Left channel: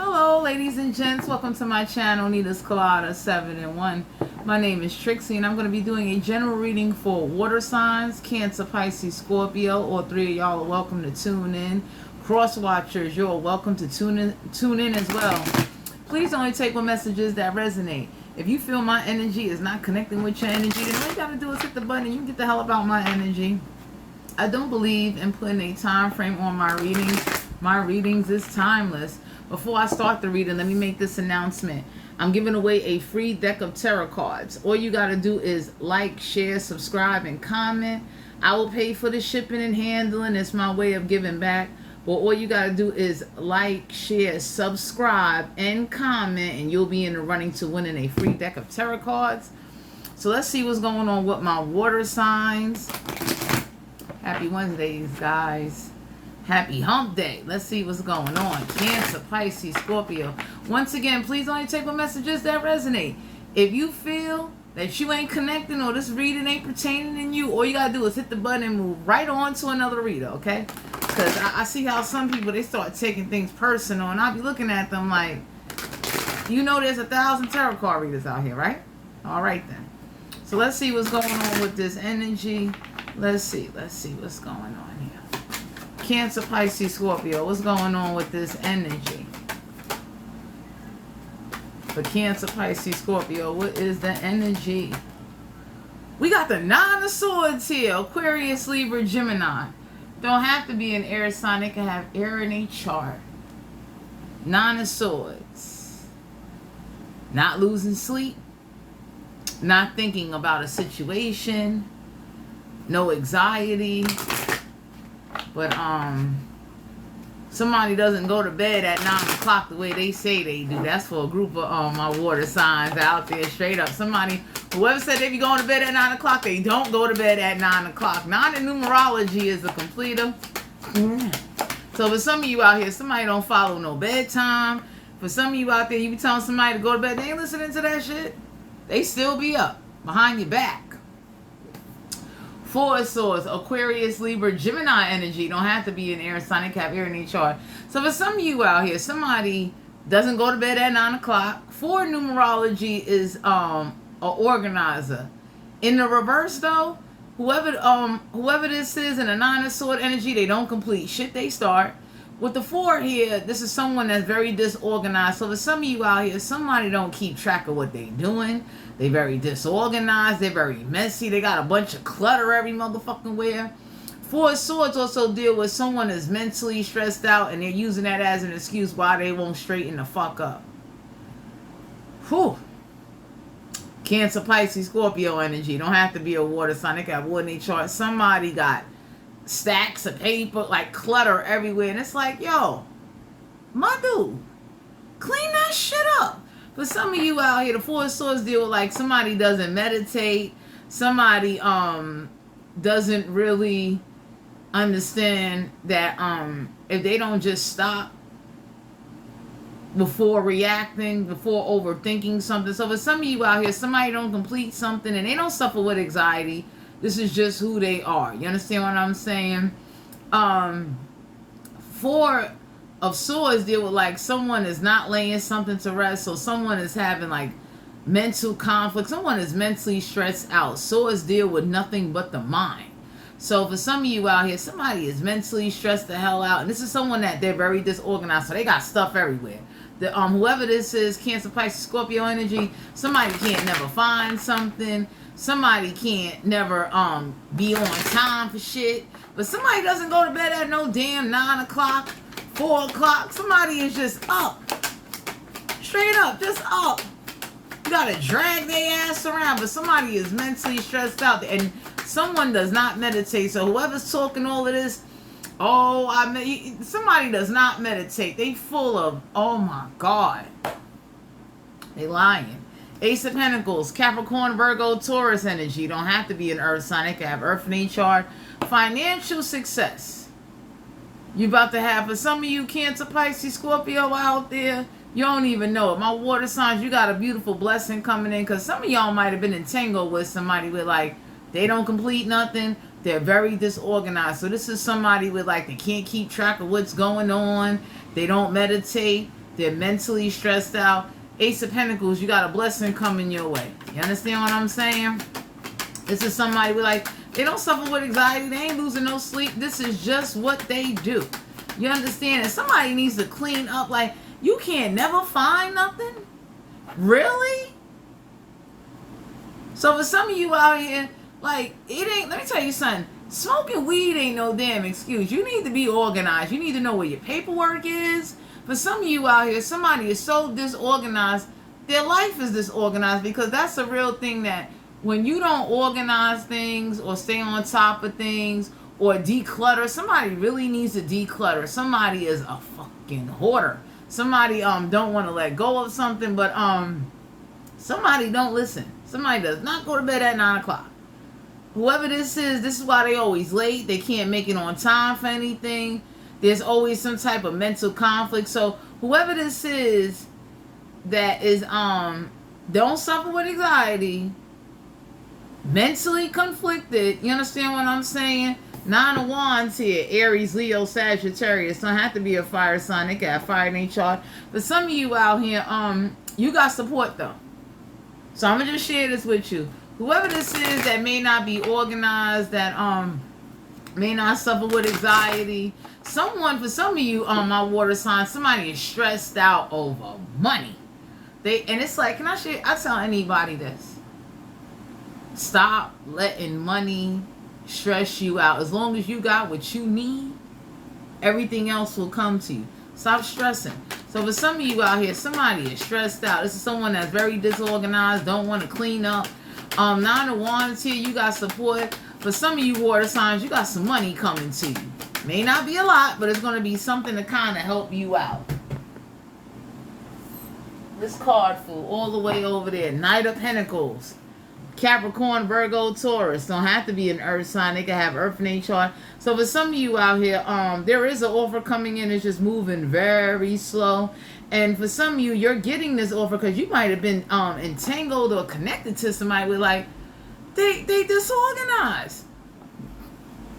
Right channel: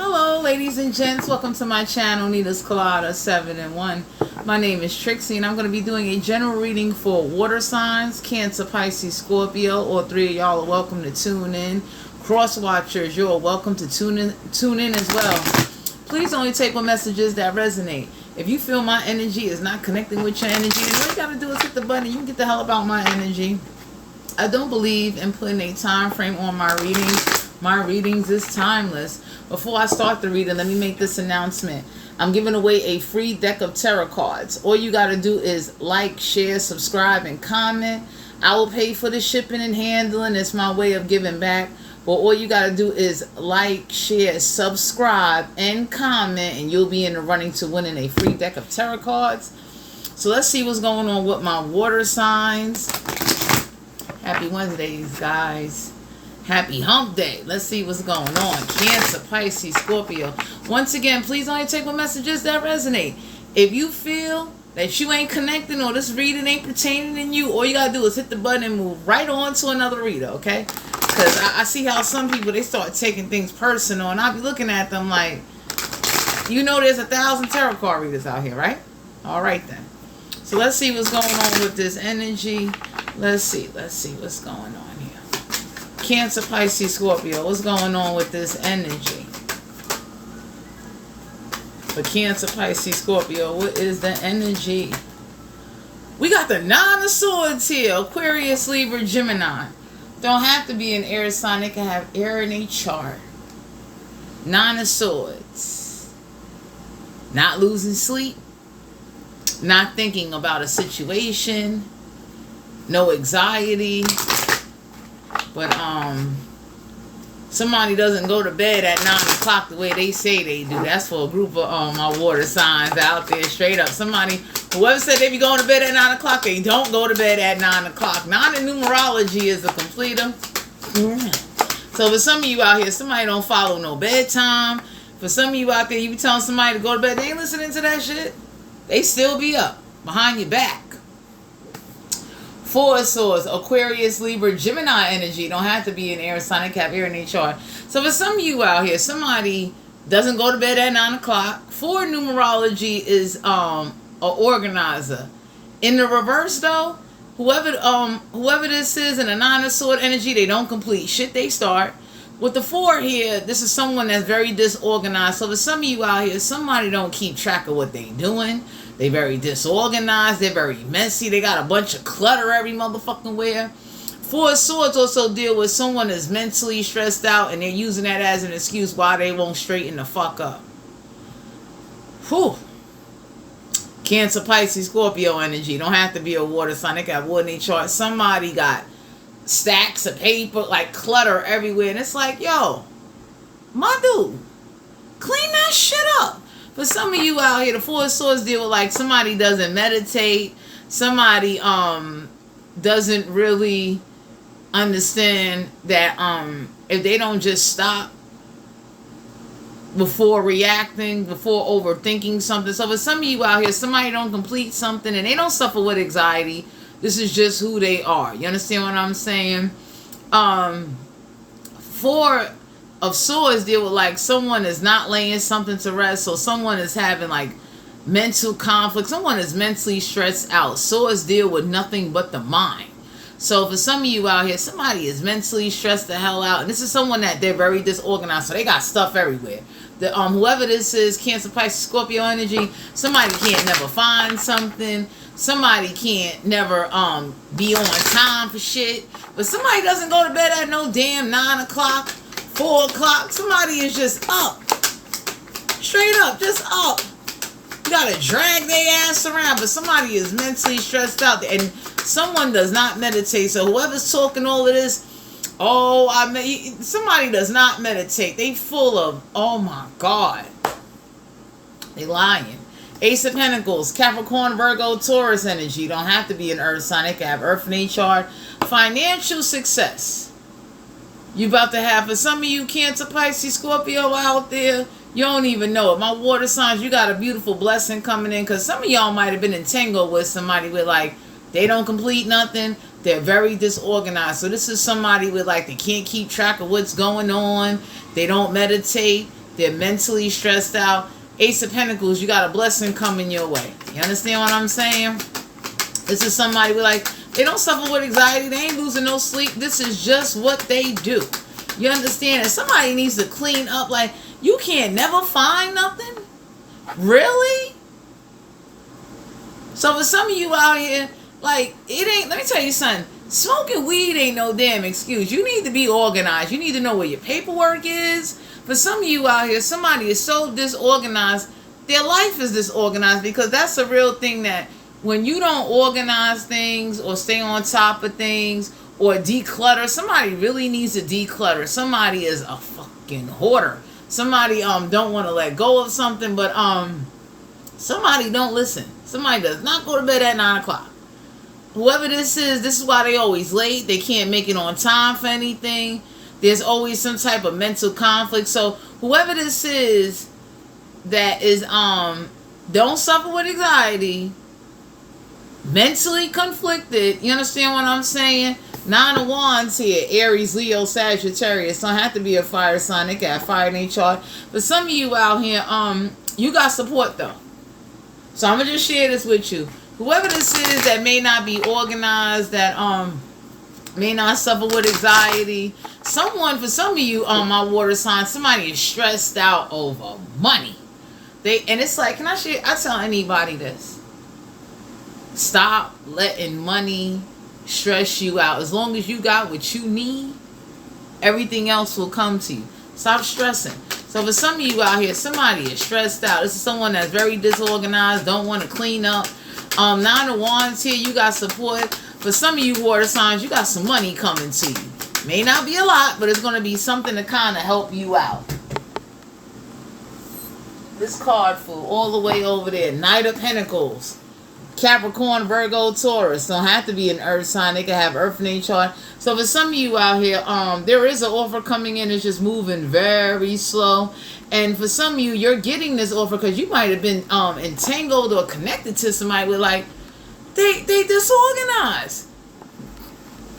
Hello, ladies and gents. Welcome to my channel, Nita's Colada 7 in 1. My name is Trixie, and I'm going to be doing a general reading for water signs, Cancer, Pisces, Scorpio. All three of y'all are welcome to tune in. Cross watchers, you're welcome to tune in as well. Please only take on messages that resonate. If you feel my energy is not connecting with your energy, then all you got to do is hit the button. You can get the hell about my energy. I don't believe in putting a time frame on my readings. My readings is timeless. Before I start the reading, let me make this announcement. I'm giving away a free deck of tarot cards. All you got to do is like, share, subscribe, and comment. I will pay for the shipping and handling. It's my way of giving back. But all you got to do is like, share, subscribe, and comment, and you'll be in the running to winning a free deck of tarot cards. So let's see what's going on with my water signs. Happy Wednesdays, guys. Happy hump day. Let's see what's going on. Cancer, Pisces, Scorpio. Once again, please only take what messages that resonate. If you feel that you ain't connecting or this reading ain't pertaining to you, all you gotta do is hit the button and move right on to another reader, okay? Because I see how some people, they start taking things personal, and I'll be looking at them like, you know there's 1,000 tarot card readers out here, right? All right then. So let's see what's going on with this energy. Let's see what's going on here. Cancer, Pisces, Scorpio. What's going on with this energy? For Cancer, Pisces, Scorpio, what is the energy? We got the Nine of Swords here. Aquarius, Libra, Gemini. Don't have to be an air sign. They can have air in a chart. Nine of Swords. Not losing sleep. Not thinking about a situation. No anxiety. But somebody doesn't go to bed at 9 o'clock the way they say they do. That's for a group of my water signs out there, straight up. Somebody, whoever said they be going to bed at 9 o'clock, they don't go to bed at 9 o'clock. 9 in numerology is a completer. So for some of you out here, somebody don't follow no bedtime. For some of you out there, you be telling somebody to go to bed, they ain't listening to that shit. They still be up behind your back. Four of Swords, Aquarius, Libra, Gemini energy. Don't have to be an air sign. They can have air in their chart. So for some of you out here, somebody doesn't go to bed at 9 o'clock. 4 numerology is an organizer. In the reverse though, whoever this is in a 9 of Sword energy, they don't complete shit they start. With the 4 here, this is someone that's very disorganized. So for some of you out here, somebody don't keep track of what they doing. They very disorganized. They're very messy. They got a bunch of clutter every motherfucking where. 4 of Swords also deal with someone that's mentally stressed out, and they're using that as an excuse why they won't straighten the fuck up. Whew. Cancer, Pisces, Scorpio energy. Don't have to be a water sign. They can have water in their chart. Somebody got stacks of paper, like clutter everywhere, and it's like, yo, my dude, clean that shit up. For some of you out here, the 4 of Swords deal with like somebody doesn't meditate, somebody doesn't really understand that if they don't just stop before reacting, before overthinking something. So for some of you out here, somebody don't complete something and they don't suffer with anxiety. This is just who they are. You understand what I'm saying? 4 of Swords deal with like someone is not laying something to rest. So someone is having like mental conflict. Someone is mentally stressed out. Swords deal with nothing but the mind. So for some of you out here, somebody is mentally stressed the hell out. And this is someone that they're very disorganized. So they got stuff everywhere. The whoever this is, Cancer, Pisces, Scorpio energy, somebody can't never find something. Somebody can't never be on time for shit. But somebody doesn't go to bed at no damn 9 o'clock, 4 o'clock. Somebody is just up. Straight up, just up. You gotta drag their ass around. But somebody is mentally stressed out. And someone does not meditate. So whoever's talking all of this, somebody does not meditate. They full of, oh my God. They lying. Ace of Pentacles, Capricorn, Virgo, Taurus energy. You don't have to be an earth sign. They can have earth in their chart. Financial success. You about to have, for some of you Cancer, Pisces, Scorpio out there, you don't even know it. My water signs, you got a beautiful blessing coming in, because some of y'all might have been entangled with somebody with like, they don't complete nothing. They're very disorganized. So this is somebody with like, they can't keep track of what's going on. They don't meditate. They're mentally stressed out. Ace of Pentacles, you got a blessing coming your way. You understand what I'm saying? This is somebody with like, they don't suffer with anxiety. They ain't losing no sleep. This is just what they do. You understand? And somebody needs to clean up. Like, you can't never find nothing? Really? So for some of you out here, like, it ain't, let me tell you something. Smoking weed ain't no damn excuse. You need to be organized. You need to know where your paperwork is. For some of you out here, somebody is so disorganized, their life is disorganized, because that's a real thing, that when you don't organize things or stay on top of things or declutter, somebody really needs to declutter. Somebody is a fucking hoarder. Somebody don't want to let go of something, but somebody don't listen. Somebody does not go to bed at 9 o'clock. Whoever this is why they always late. They can't make it on time for anything. There's always some type of mental conflict. So whoever this is that is don't suffer with anxiety, mentally conflicted, you understand what I'm saying? 9 of Wands here, Aries, Leo, Sagittarius. Don't have to be a fire sign. They got fire in their chart. But some of you out here, you got support though. So I'm gonna just share this with you. Whoever this is that may not be organized, that may not suffer with anxiety. Someone, for some of you, my water sign, somebody is stressed out over money. And it's like, can I share? I tell anybody this. Stop letting money stress you out. As long as you got what you need, everything else will come to you. Stop stressing. So for some of you out here, somebody is stressed out. This is someone that's very disorganized, don't want to clean up. 9 of Wands here, you got support. For some of you water signs, you got some money coming to you. May not be a lot, but it's going to be something to kind of help you out. This card flew all the way over there. Knight of Pentacles. Capricorn, Virgo, Taurus. Don't have to be an earth sign. They can have earth in their chart. So for some of you out here, there is an offer coming in. It's just moving very slow. And for some of you, you're getting this offer because you might have been entangled or connected to somebody with, like, they disorganized.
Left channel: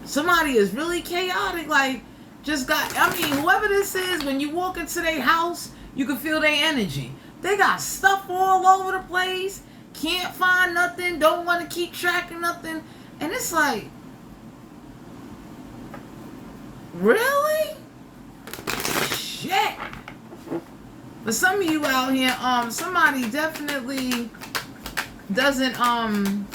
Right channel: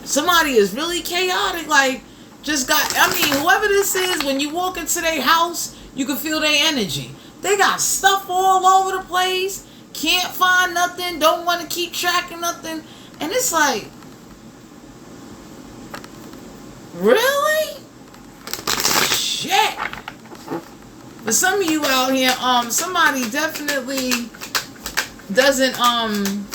Somebody is really chaotic, like, just got, I mean, whoever this is, when you walk into their house, you can feel their energy. They got stuff all over the place, can't find nothing, don't want to keep track of nothing. And it's like, really? Shit. For some of you out here, somebody definitely doesn't,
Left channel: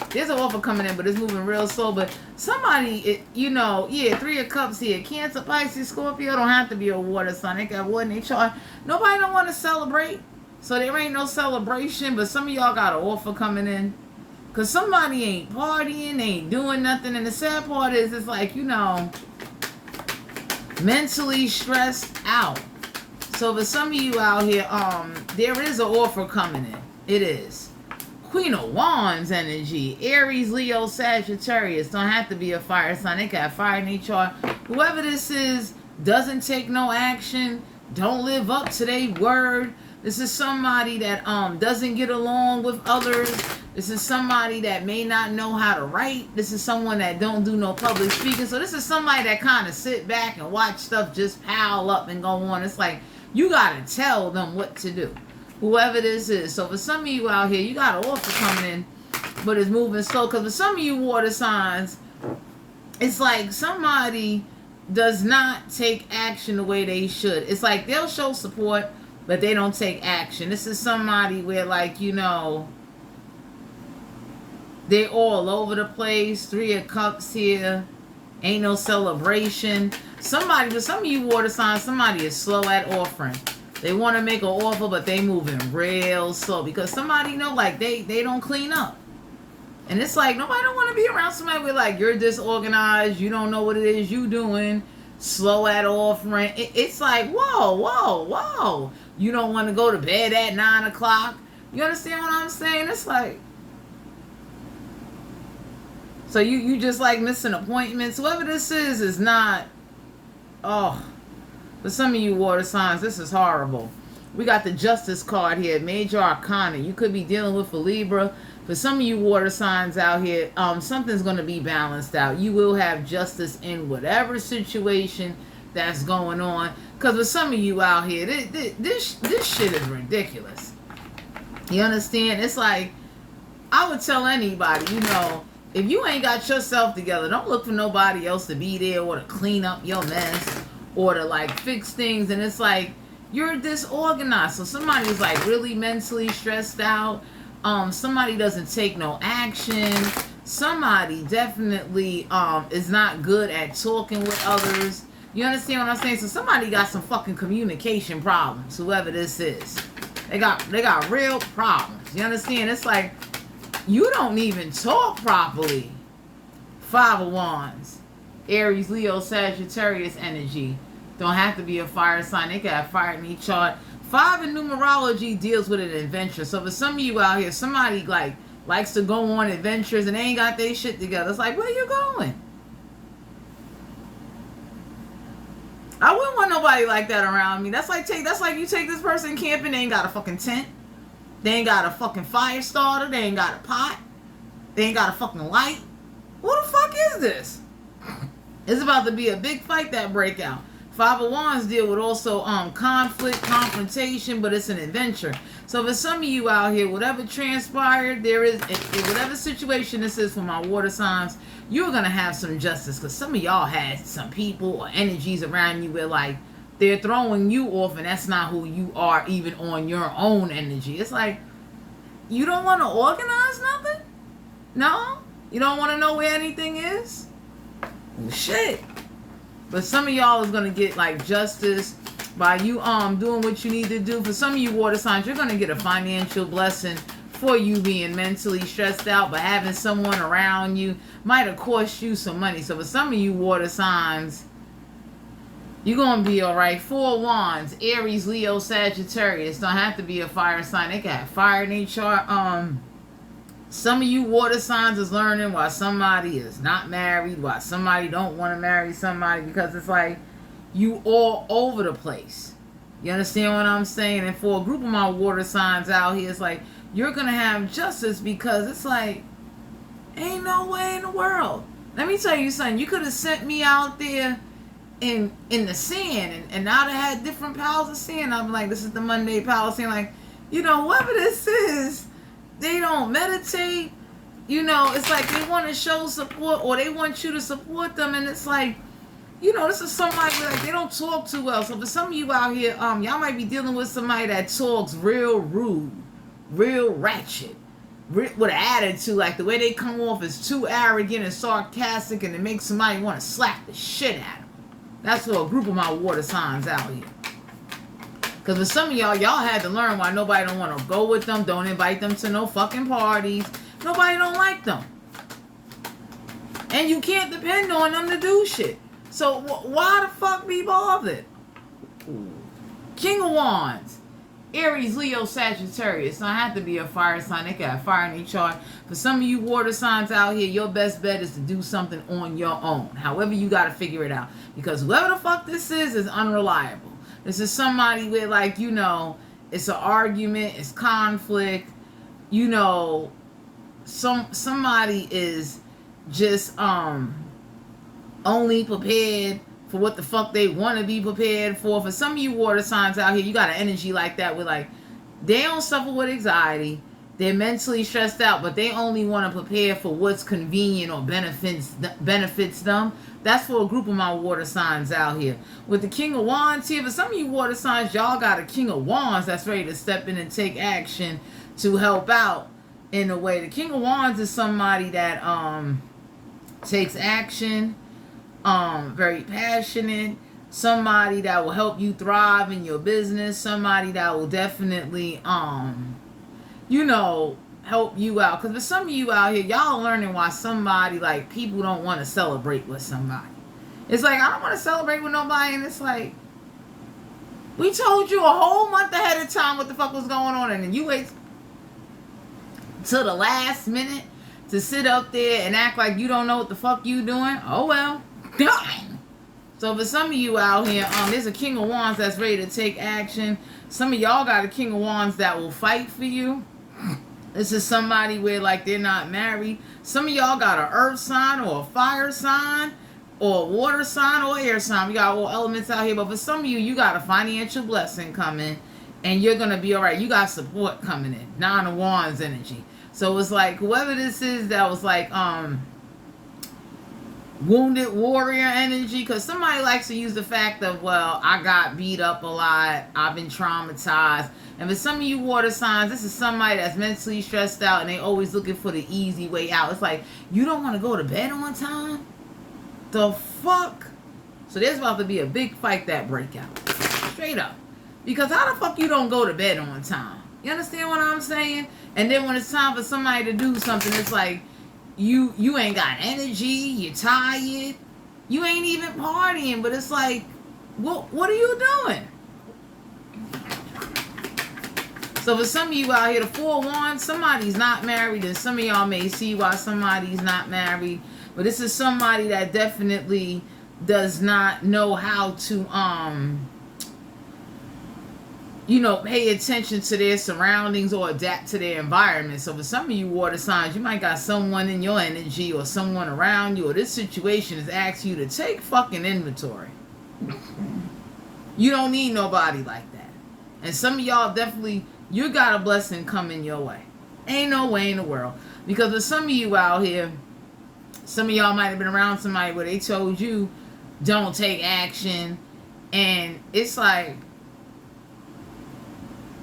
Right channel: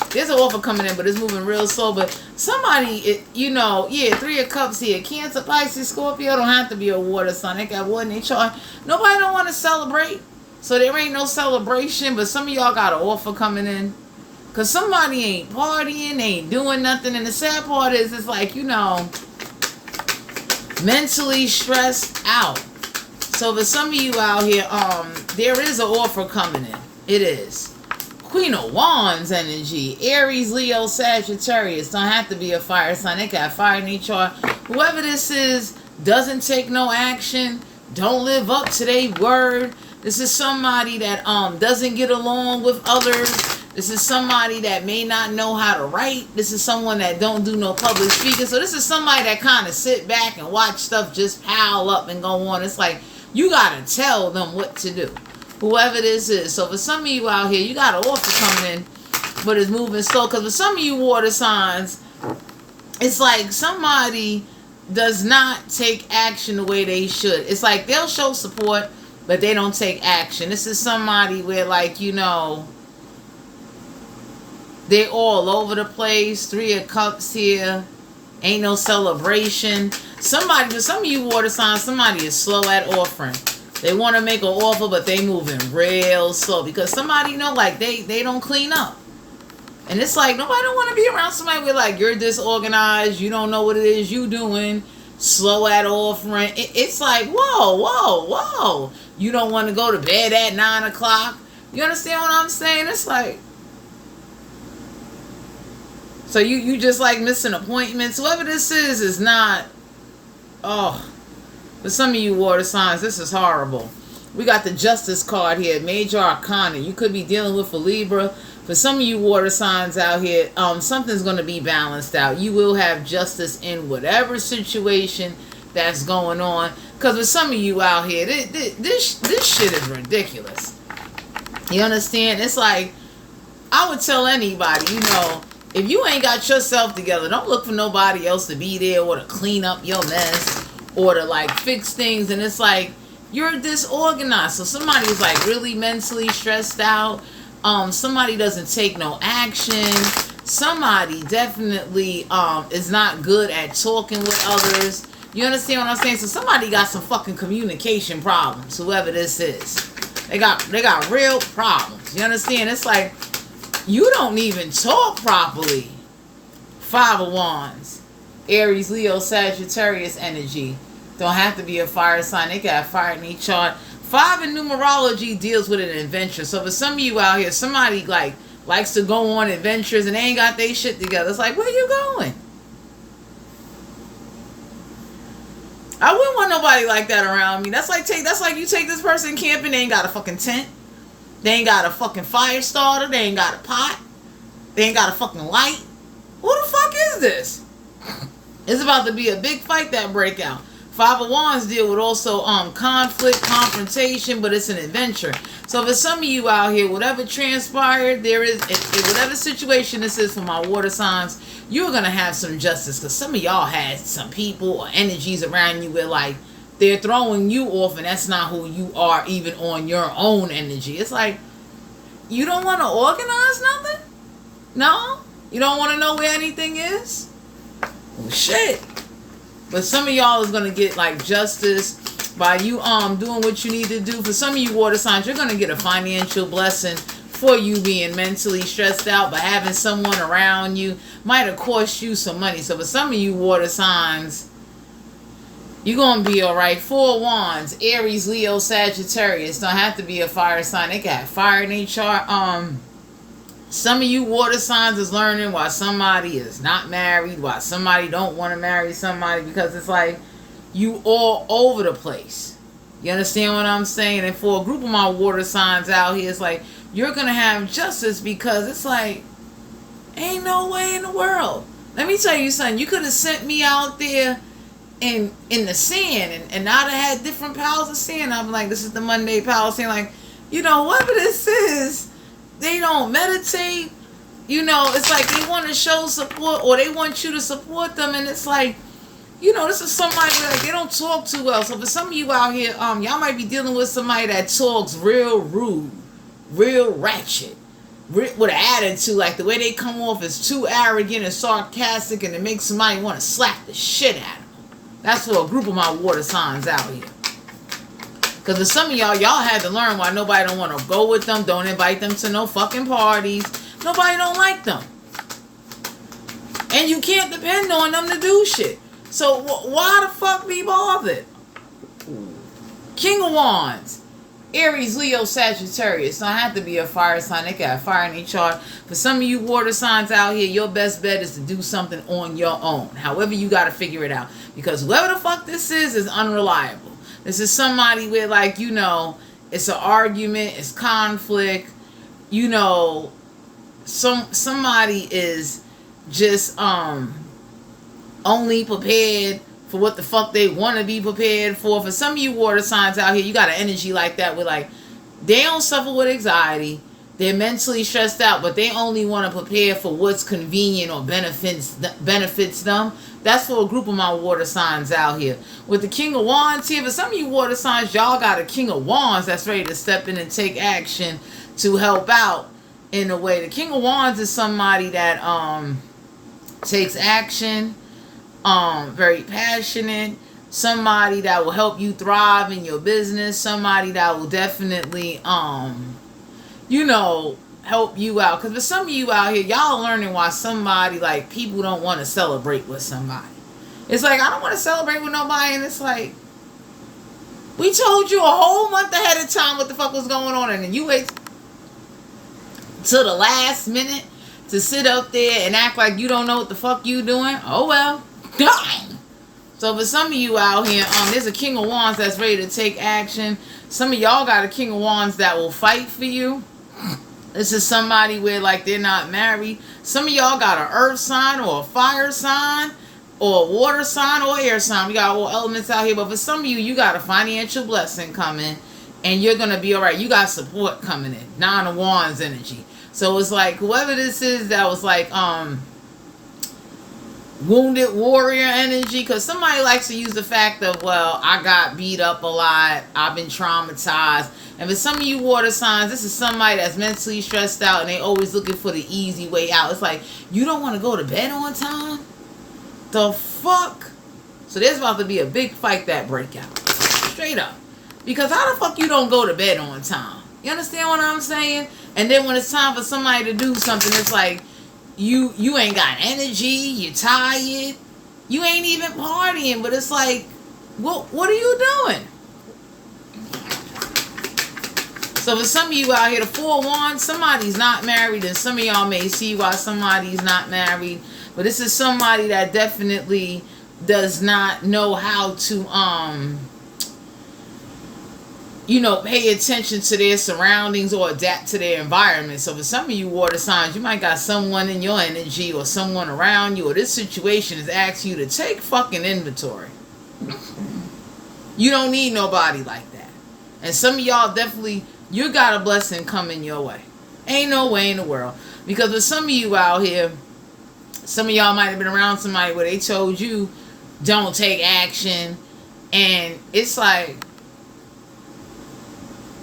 there's an offer coming in, but it's moving real slow. But somebody, you know, yeah, 3 of Cups here. Cancer, Pisces, Scorpio don't have to be a water sign. They got water in their chart. Nobody don't want to celebrate, so there ain't no celebration. But some of y'all got an offer coming in, because somebody ain't partying, ain't doing nothing. And the sad part is, it's like, you know, mentally stressed out. So for some of you out here, there is an offer coming in. It is. Queen of Wands energy. Aries, Leo, Sagittarius. Don't have to be a fire sign. They got fire in each chart. Whoever this is doesn't take no action. Don't live up to their word. This is somebody that doesn't get along with others. This is somebody that may not know how to write. This is someone that don't do no public speaking. So this is somebody that kind of sit back and watch stuff just pile up and go on. It's like, you got to tell them what to do. Whoever this is. So for some of you out here, you got an offer coming in, but it's moving slow. Because for some of you water signs, it's like somebody does not take action the way they should. It's like they'll show support, but they don't take action. This is somebody where, like, you know, they're all over the place. 3 of Cups here. Ain't no celebration. Somebody, for some of you water signs, somebody is slow at offering. They want to make an offer, but they moving real slow because somebody know, like, they don't clean up. And it's like, nobody don't want to be around somebody with, like, you're disorganized, you don't know what it is you doing, slow at offering. It's like, whoa. You don't want to go to bed at 9 o'clock. You understand what I'm saying? It's like, so you just like missing appointments. Whoever this is not, oh. For some of you water signs, this is horrible. We got the Justice card here, Major Arcana. You could be dealing with a Libra. For some of you water signs out here, something's going to be balanced out. You will have justice in whatever situation that's going on. Because with some of you out here, this shit is ridiculous. You understand? It's like, I would tell anybody, you know, if you ain't got yourself together, don't look for nobody else to be there or to clean up your mess or to like fix things. And it's like, you're disorganized. So somebody's like really mentally stressed out. Somebody doesn't take no action. Somebody definitely is not good at talking with others. You understand what I'm saying? So somebody got some fucking communication problems, whoever this is. They got real problems. You understand? It's like, you don't even talk properly. 5 of Wands. Aries, Leo, Sagittarius energy. Don't have to be a fire sign. They got fire in each chart. 5 in numerology deals with an adventure. So for some of you out here, somebody like likes to go on adventures and they ain't got their shit together. It's like, where you going? I wouldn't want nobody like that around me. That's like you take this person camping, they ain't got a fucking tent. They ain't got a fucking fire starter. They ain't got a pot. They ain't got a fucking light. What the fuck is this? It's about to be a big fight that break out. 5 of Wands deal with also conflict, confrontation, but it's an adventure. So for some of you out here, whatever transpired, there is, whatever situation this is for my water signs, you're going to have some justice. Because some of y'all had some people or energies around you where like, they're throwing you off and that's not who you are even on your own energy. It's like, you don't want to organize nothing? No? You don't want to know where anything is? Well, shit. But some of y'all is going to get like justice by you doing what you need to do. For some of you water signs, you're going to get a financial blessing for you being mentally stressed out, but having someone around you might have cost you some money. So for some of you water signs, you're going to be all right. 4 of Wands, Aries, Leo, Sagittarius. Don't have to be a fire sign. They got fire in each chart. Some of you water signs is learning why somebody is not married, why somebody don't want to marry somebody, because it's like you all over the place. You understand what I'm saying? And for a group of my water signs out here, it's like you're going to have justice because it's like, ain't no way in the world. Let me tell you something. You could have sent me out there in the sand and I'd have had different piles of sand. I'm like, this is the Monday pile of sand. Like, you know, whatever this is, they don't meditate. You know, it's like they want to show support or they want you to support them. And it's like, you know, this is somebody like they don't talk too well. So for some of you out here, y'all might be dealing with somebody that talks real rude, real ratchet, with an attitude. Like the way they come off is too arrogant and sarcastic, and it makes somebody want to slap the shit out of them. That's for a group of my water signs out here. Because for some of y'all had to learn why nobody don't want to go with them, don't invite them to no fucking parties. Nobody don't like them. And you can't depend on them to do shit. So why the fuck be bothered? King of Wands. Aries, Leo, Sagittarius. Don't have to be a fire sign. They got fire in each chart. For some of you water signs out here, your best bet is to do something on your own. However, you got to figure it out. Because whoever the fuck this is unreliable. This is somebody where, like, you know, it's an argument, it's conflict. You know, somebody is just only prepared for what the fuck they want to be prepared for. For some of you water signs out here, you got an energy like that where, like, they don't suffer with anxiety. They're mentally stressed out, but they only want to prepare for what's convenient or benefits them. That's for a group of my water signs out here. With the King of Wands here, for some of you water signs, y'all got a King of Wands that's ready to step in and take action to help out in a way. The King of Wands is somebody that takes action, very passionate, somebody that will help you thrive in your business, somebody that will definitely you know, help you out. Because for some of you out here, y'all learning why somebody, like, people don't want to celebrate with somebody. It's like, I don't want to celebrate with nobody. And it's like, we told you a whole month ahead of time what the fuck was going on. And then you wait till the last minute to sit up there and act like you don't know what the fuck you doing. Oh, well. So for some of you out here, there's a King of Wands that's ready to take action. Some of y'all got a King of Wands that will fight for you. This is somebody where, like, they're not married. Some of y'all got an earth sign or a fire sign. or water sign or air sign. We got all elements out here. But for some of you, you got a financial blessing coming, and you're going to be all right. You got support coming in. Nine of Wands energy. So it's like whoever this is that was like wounded warrior energy, because somebody likes to use the fact of, well, I got beat up a lot, I've been traumatized. And for some of you water signs, this is somebody that's mentally stressed out and they always looking for the easy way out. It's like, you don't want to go to bed on time? The fuck? So there's about to be a big fight that break out. Straight up. Because how the fuck you don't go to bed on time? You understand what I'm saying? And then when it's time for somebody to do something, it's like, you ain't got energy, you're tired, you ain't even partying, but it's like, what are you doing? So for some of you out here, the 4 of Wands, somebody's not married, and some of y'all may see why somebody's not married, but this is somebody that definitely does not know how to pay attention to their surroundings or adapt to their environment. So for some of you water signs, you might got someone in your energy or someone around you, or this situation is asking you to take fucking inventory. You don't need nobody like that. And some of y'all definitely, you got a blessing coming your way. Ain't no way in the world. Because with some of you out here, some of y'all might have been around somebody where they told you, don't take action. And it's like,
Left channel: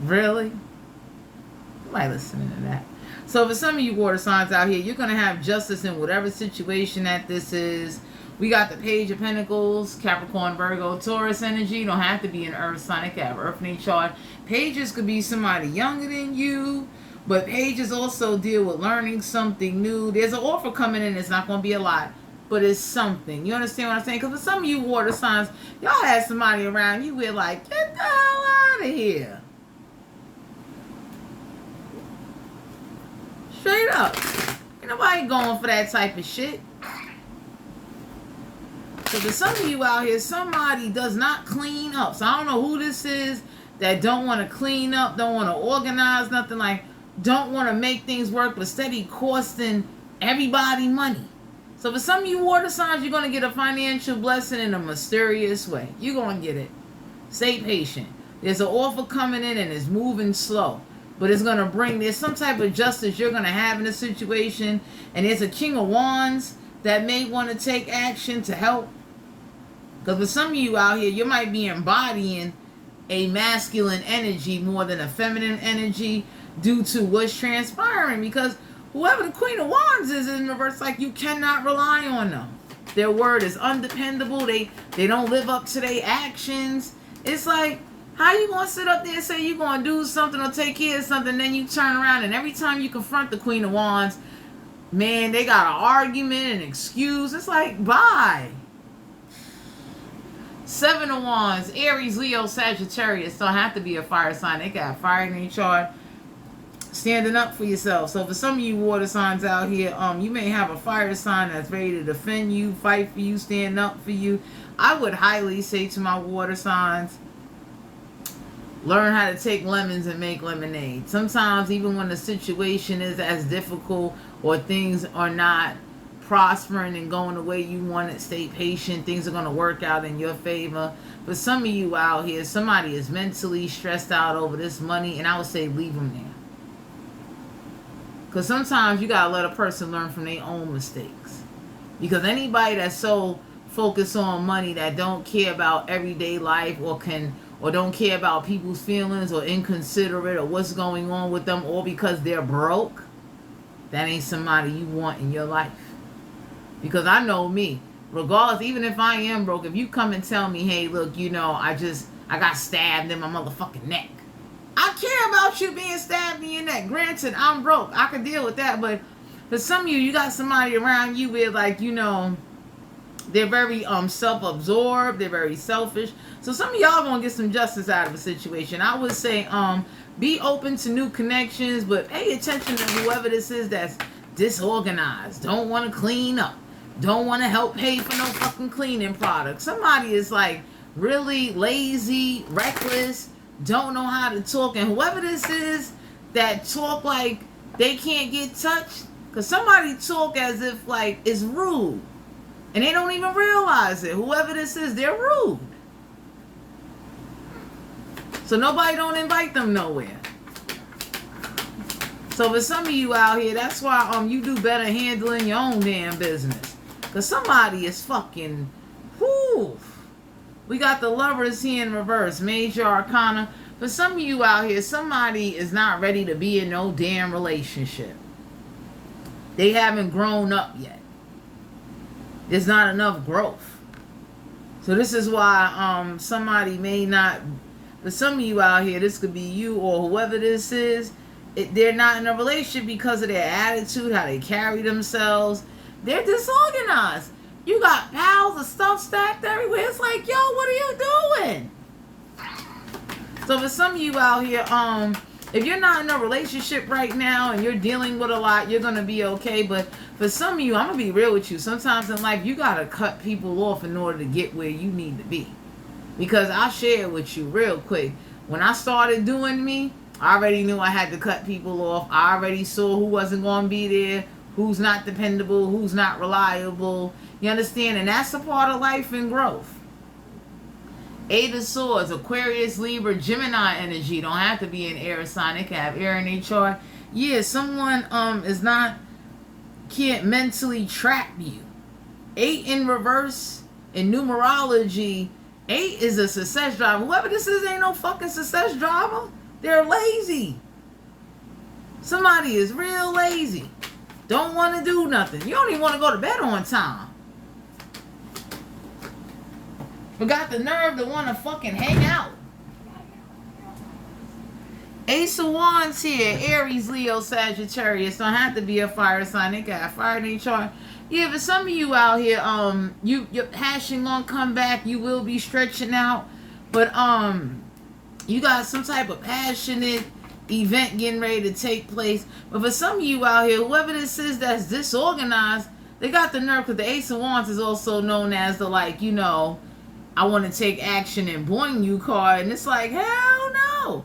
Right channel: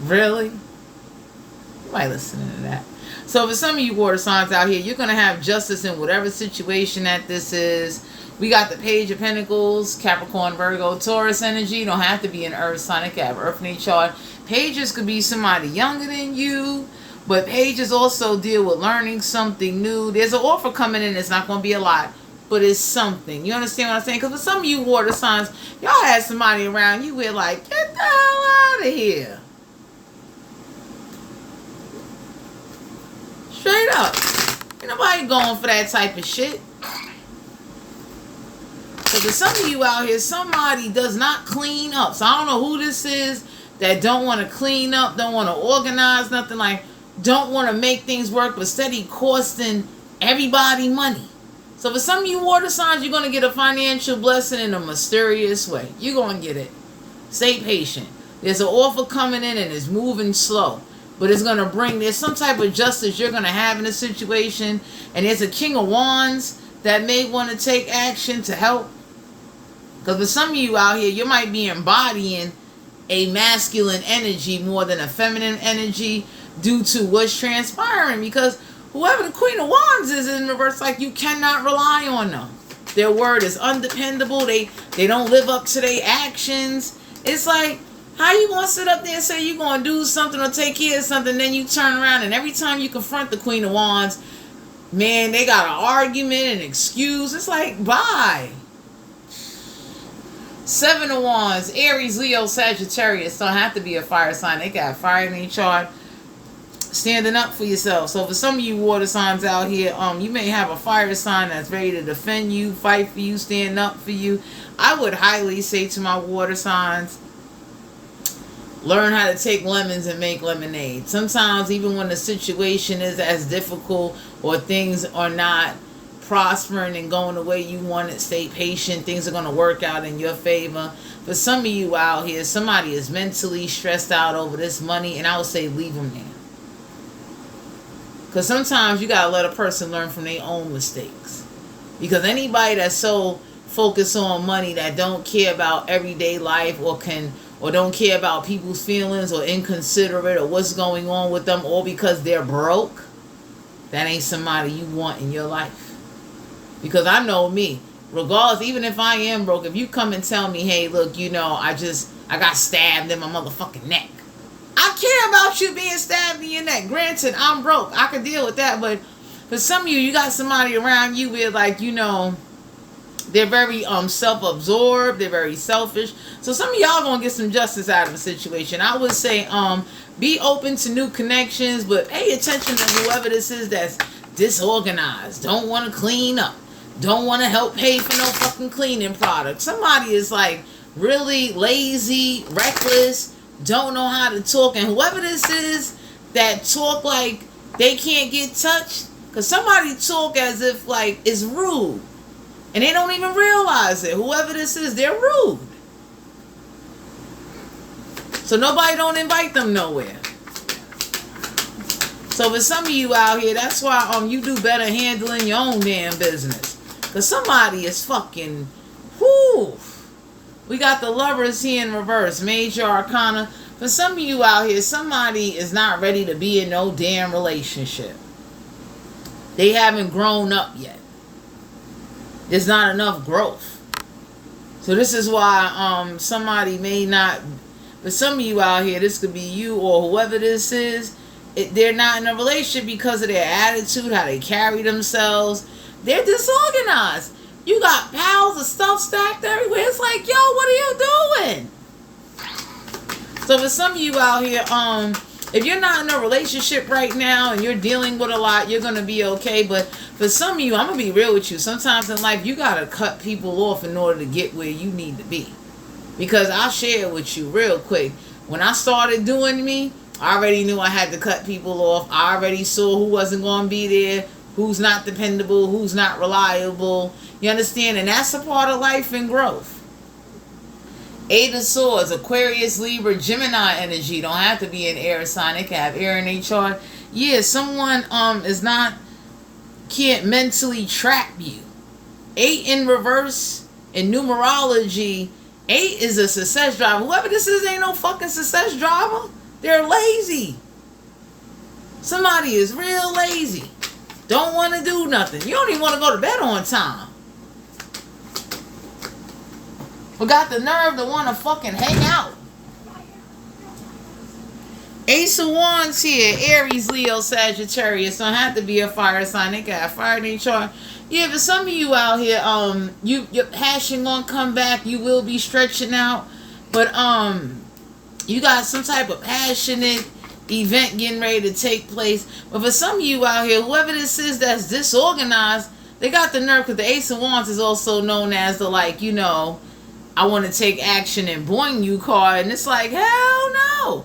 really? You might listen to that. So for some of you water signs out here, you're going to have justice in whatever situation that this is. We got the Page of Pentacles, Capricorn, Virgo, Taurus energy. You don't have to be an earth sign. It can have earth in each chart. Pages could be somebody younger than you. But pages also deal with learning something new. There's an offer coming in. It's not going to be a lot, but it's something. You understand what I'm saying? Because for some of you water signs, y'all had somebody around you with like, get the hell out of here. Straight up. Ain't nobody going for that type of shit. So for some of you out here, somebody does not clean up. So I don't know who this is that don't want to clean up, don't want to organize, nothing like, don't want to make things work, but steady costing everybody money. So for some of you water signs, you're going to get a financial blessing in a mysterious way. You're going to get it. Stay patient. There's an offer coming in and it's moving slow. But it's going to bring, there's some type of justice you're going to have in a situation. And there's a King of Wands that may want to take action to help. Because for some of you out here, you might be embodying a masculine energy more than a feminine energy due to what's transpiring. Because whoever the Queen of Wands is in reverse, like, you cannot rely on them. Their word is undependable. They don't live up to their actions. It's like, how you going to sit up there and say you're going to do something or take care of something, then you turn around and every time you confront the Queen of Wands, man, they got an argument, an excuse. It's like, bye. 7 of Wands, Aries, Leo, Sagittarius. Don't have to be a fire sign. They got fire in their chart. Standing up for yourself. So for some of you water signs out here, you may have a fire sign that's ready to defend you, fight for you, stand up for you. I would highly say to my water signs, learn how to take lemons and make lemonade. Sometimes even when the situation is as difficult or things are not prospering and going the way you want it, stay patient. Things are going to work out in your favor. For some of you out here, somebody is mentally stressed out over this money, and I would say leave them there. Because sometimes you got to let a person learn from their own mistakes. Because anybody that's so focused on money that don't care about everyday life or don't care about people's feelings or inconsiderate or what's going on with them, all because they're broke, that ain't somebody you want in your life. Because I know me, regardless, even if I am broke, if you come and tell me, hey, look, I got stabbed in my motherfucking neck. I care about you being stabbed in your neck. Granted, I'm broke. I can deal with that. But for some of you, you got somebody around you where, like, they're very self-absorbed. They're very selfish. So some of y'all gonna get some justice out of the situation. I would say be open to new connections, but pay attention to whoever this is that's disorganized, don't want to clean up, don't want to help pay for no fucking cleaning products. Somebody is like really lazy, reckless, don't know how to talk, and whoever this is that talk like they can't get touched, because somebody talk as if like it's rude. And they don't even realize it. Whoever this is, they're rude. So nobody don't invite them nowhere. So for some of you out here, that's why you do better handling your own damn business. Because somebody is fucking, whoo. We got the Lovers here in reverse. Major Arcana. For some of you out here, somebody is not ready to be in no damn relationship. They haven't grown up yet. There's not enough growth. So this is why somebody may not, for some of you out here, this could be you or whoever this is, they're not in a relationship because of their attitude, how they carry themselves. They're disorganized. You got piles of stuff stacked everywhere. It's like, yo, what are you doing? So for some of you out here, if you're not in a relationship right now and you're dealing with a lot, you're going to be okay. But for some of you, I'm going to be real with you. Sometimes in life, you got to cut people off in order to get where you need to be. Because I'll share with you real quick. When I started doing me, I already knew I had to cut people off. I already saw who wasn't going to be there, who's not dependable, who's not reliable. You understand? And that's a part of life and growth. Eight of Swords, Aquarius, Libra, Gemini energy. Don't have to be an air sign. They can have air in their chart. Yeah, someone can't mentally trap you. 8 in reverse in numerology. 8 is a success driver. Whoever this is ain't no fucking success driver. They're lazy. Somebody is real lazy. Don't want to do nothing. You don't even want to go to bed on time. But got the nerve to want to fucking hang out. Ace of Wands here. Aries, Leo, Sagittarius. Don't have to be a fire sign. They got fire in their chart. Yeah, but some of you out here, your passion gonna come back. You will be stretching out. But you got some type of passionate event getting ready to take place. But for some of you out here, whoever this is that's disorganized, they got the nerve, because the Ace of Wands is also known as the, like, you know, I want to take action and boing you card. And it's like, hell no.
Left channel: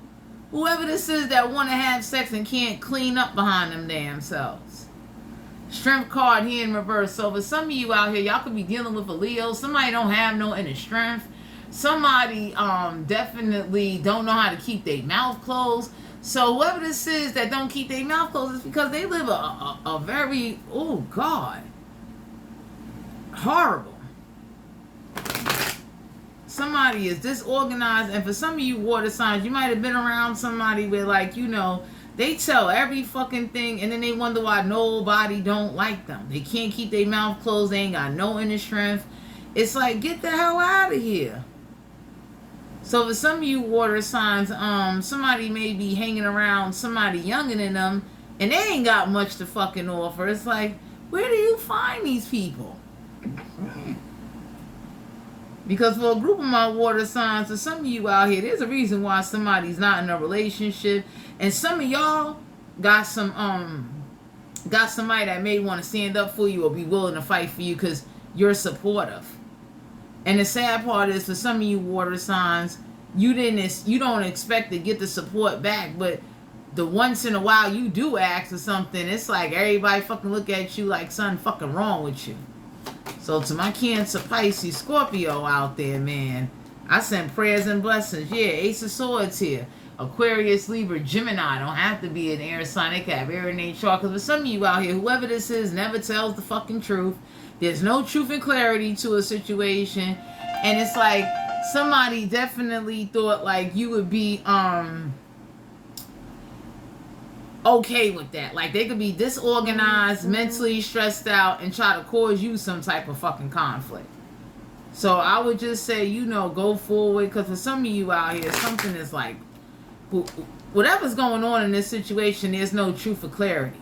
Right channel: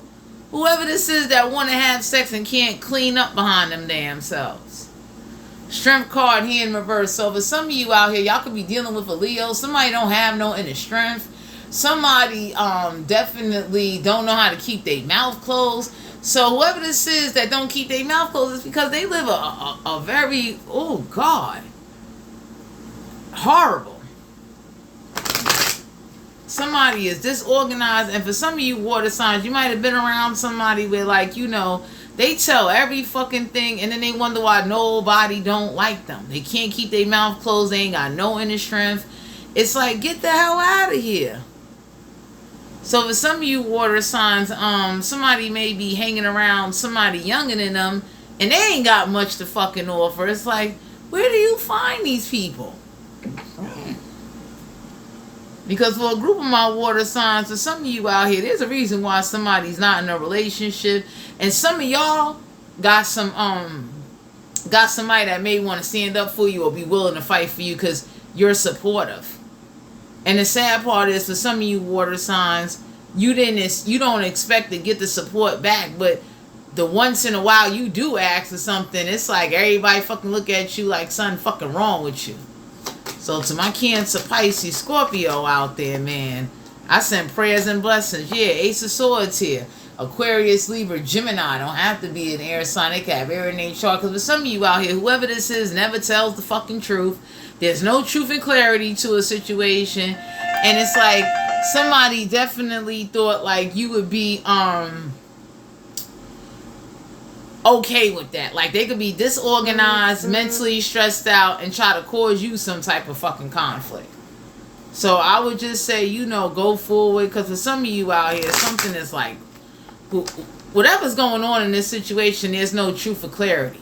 Whoever this is that want to have sex and can't clean up behind them damn selves. Strength card here in reverse. So for some of you out here, y'all could be dealing with a Leo. Somebody don't have no inner strength. Somebody definitely don't know how to keep their mouth closed. So whoever this is that don't keep their mouth closed is because they live a very, oh God, horrible. Somebody is disorganized. And for some of you water signs, you might have been around somebody where, like, you know, they tell every fucking thing and then they wonder why nobody don't like them. They can't keep their mouth closed. They ain't got no inner strength. It's like, get the hell out of here. So for some of you water signs, somebody may be hanging around somebody younger than them and they ain't got much to fucking offer. It's like, where do you find these people? Because for a group of my water signs, for some of you out here, there's a reason why somebody's not in a relationship. And some of y'all got somebody that may want to stand up for you or be willing to fight for you because you're supportive. And the sad part is, for some of you water signs, you don't expect to get the support back, but the once in a while you do ask for something, it's like everybody fucking look at you like something fucking wrong with you. So to my Cancer, Pisces, Scorpio out there, man, I send prayers and blessings. Yeah, Ace of Swords here. Aquarius, Libra, Gemini. Don't have to be an air sign. They can have air in their chart. Because for some of you out here, whoever this is never tells the fucking truth. There's no truth and clarity to a situation. And it's like somebody definitely thought like you would be okay with that. Like they could be disorganized, mentally stressed out, and try to cause you some type of fucking conflict. So I would just say, you know, go forward. Because for some of you out here, something is like, whatever's going on in this situation, there's no truth or clarity.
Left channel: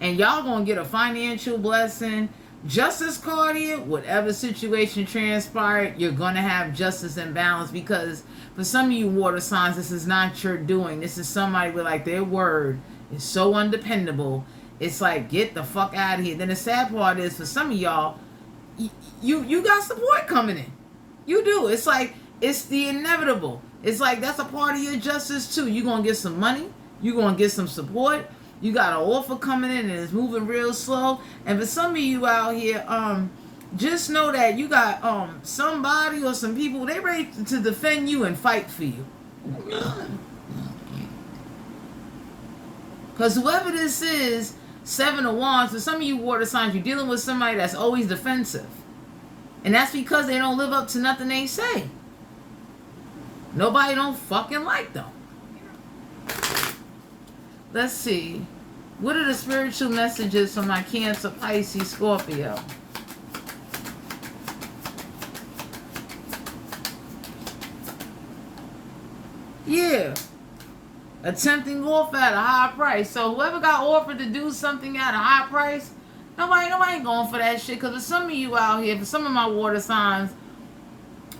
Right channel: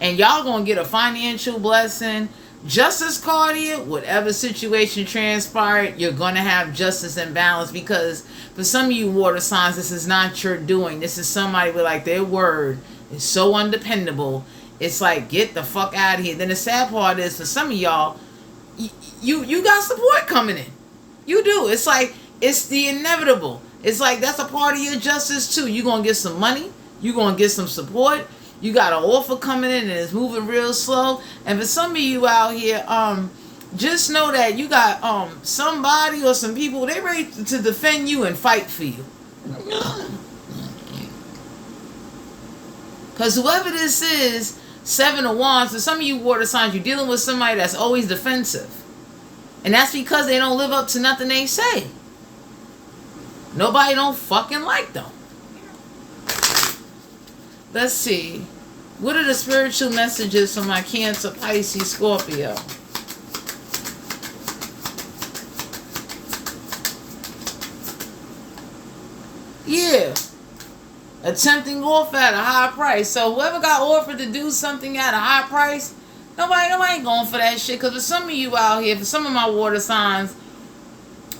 And y'all gonna get a financial blessing. Justice card here, whatever situation transpired, you're gonna have justice and balance. Because for some of you water signs, this is not your doing. This is somebody with like their word is so undependable. It's like, get the fuck out of here. Then the sad part is, for some of y'all, you got support coming in. You do. It's like, it's the inevitable. It's like, that's a part of your justice too. You're gonna get some money. You're gonna get some support. You got an offer coming in and it's moving real slow. And for some of you out here, just know that you got somebody or some people, they ready to defend you and fight for you. Because whoever this is, 7 of Wands, for some of you water signs, you're dealing with somebody that's always defensive. And that's because they don't live up to nothing they say. Nobody don't fucking like them. Let's see. What are the spiritual messages for my Cancer, Pisces, Scorpio? Yeah. Attempting offer at a high price. So whoever got offered to do something at a high price, nobody ain't going for that shit. Because for some of you out here, for some of my water signs,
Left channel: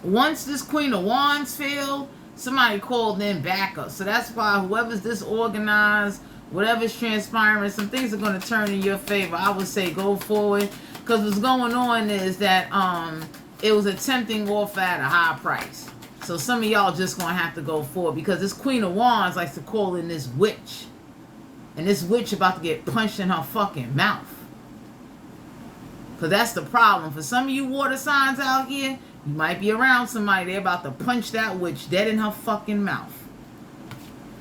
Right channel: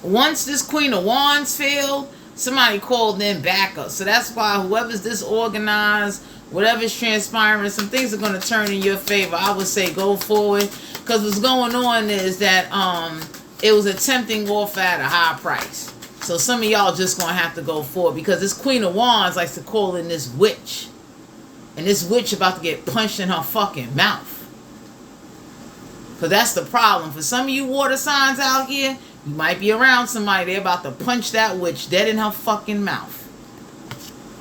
once this Queen of Wands failed, somebody called in backup. So that's why whoever's disorganized, whatever's transpiring, some things are going to turn in your favor. I would say go forward. Because what's going on is that it was attempting offer at a high price. So some of y'all just going to have to go forward. Because this Queen of Wands likes to call in this witch. And this witch about to get punched in her fucking mouth. Because that's the problem. For some of you water signs out here, you might be around somebody, they're about to punch that witch dead in her fucking mouth.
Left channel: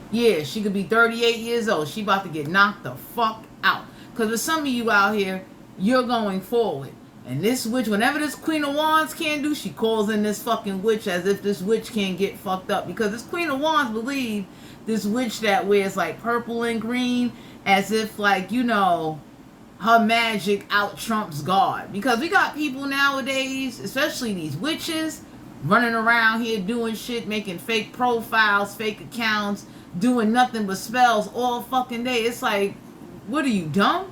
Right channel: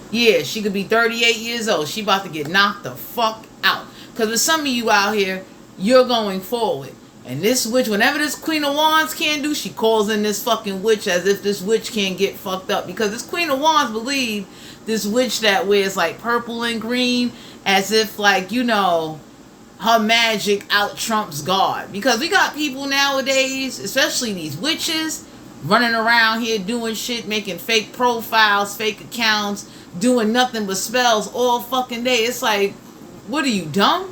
Yeah, she could be 38 years old. She about to get knocked the fuck out. Because for some of you out here, you're going forward. And this witch, whenever this Queen of Wands can't do, she calls in this fucking witch as if this witch can't get fucked up. Because this Queen of Wands believe this witch that wears like purple and green as if like, you know, her magic out trumps God. Because we got people nowadays, especially these witches, running around here doing shit, making fake profiles, fake accounts, doing nothing but spells all fucking day. It's like, what are you, dumb?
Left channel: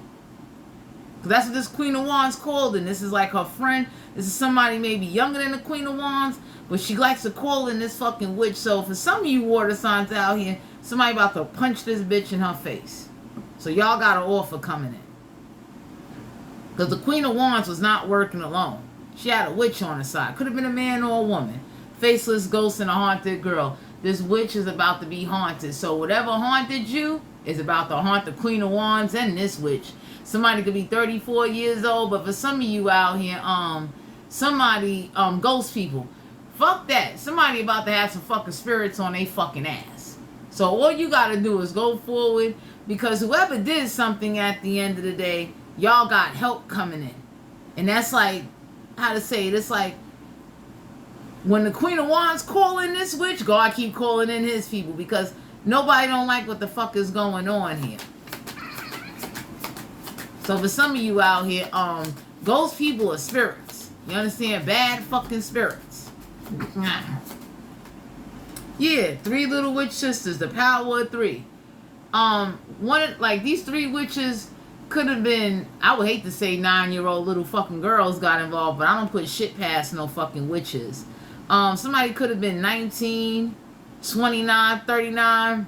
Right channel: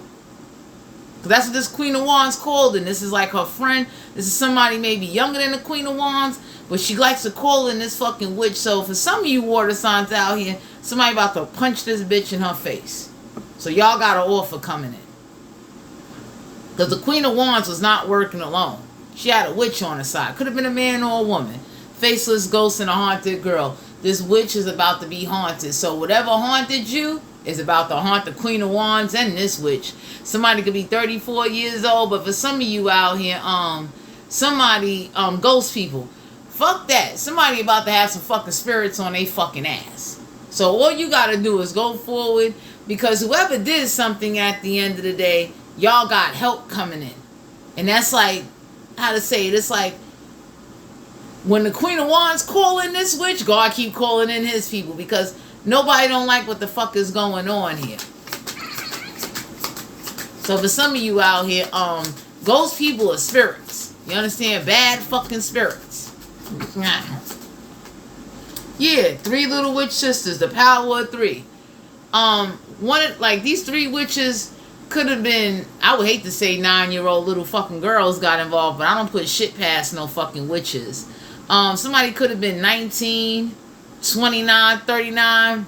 That's what this Queen of Wands called, and this is like her friend. This is somebody maybe younger than the Queen of Wands, but she likes to call in this fucking witch. So for some of you water signs out here, somebody about to punch this bitch in her face. So y'all got an offer coming in. Because the Queen of Wands was not working alone. She had a witch on her side. Could have been a man or a woman. Faceless ghost and a haunted girl. This witch is about to be haunted. So whatever haunted you is about to haunt the Queen of Wands and this witch. Somebody could be 34 years old, but for some of you out here, somebody, ghost people, fuck that. Somebody about to have some fucking spirits on their fucking ass. So all you gotta do is go forward, because whoever did something at the end of the day, y'all got help coming in. And that's like, how to say it, it's like, when the Queen of Wands calling this witch, God keep calling in his people, because nobody don't like what the fuck is going on here. So for some of you out here, ghost people are spirits. You understand? Bad fucking spirits. Yeah, 3 little witch sisters, the power of 3. These 3 witches could have been, I would hate to say 9-year-old little fucking girls got involved, but I don't put shit past no fucking witches. Somebody could have been 19, 29, 39.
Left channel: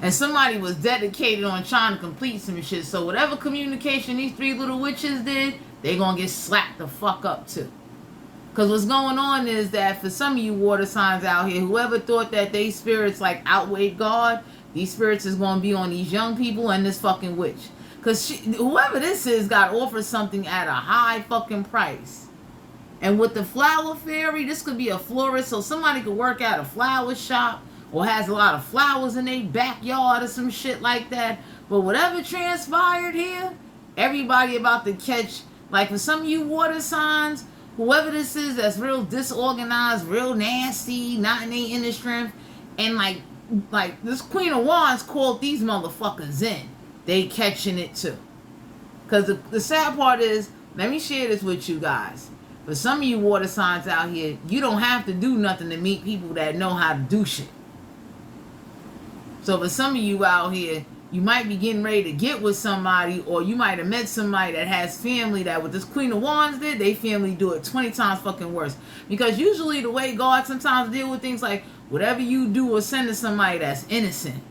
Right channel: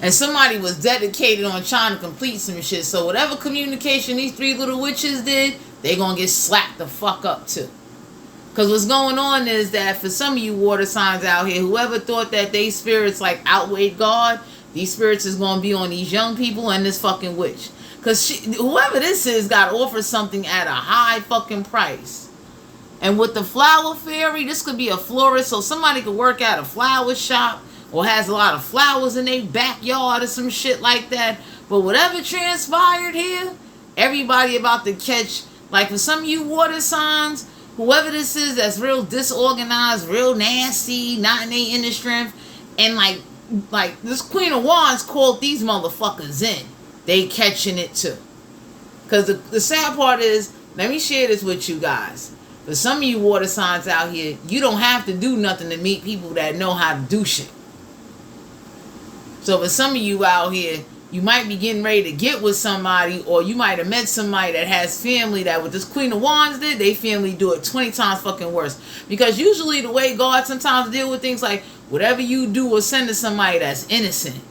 And somebody was dedicated on trying to complete some shit. So whatever communication these 3 little witches did, they gonna get slapped the fuck up too. Because what's going on is that for some of you water signs out here, whoever thought that they spirits like outweighed God, these spirits is gonna be on these young people and this fucking witch. Because whoever this is got offered something at a high fucking price. And with the flower fairy, this could be a florist. So somebody could work at a flower shop, or has a lot of flowers in their backyard or some shit like that. But whatever transpired here, everybody about to catch, like for some of you water signs, whoever this is that's real disorganized, real nasty, not in their inner strength, and like this Queen of Wands called these motherfuckers in. They catching it too. Because the sad part is, let me share this with you guys. For some of you water signs out here, you don't have to do nothing to meet people that know how to do shit. So for some of you out here, you might be getting ready to get with somebody, or you might have met somebody that has family that what this Queen of Wands did, they family do it 20 times fucking worse. Because usually the way God sometimes deal with things, like whatever you do or send to somebody that's innocent,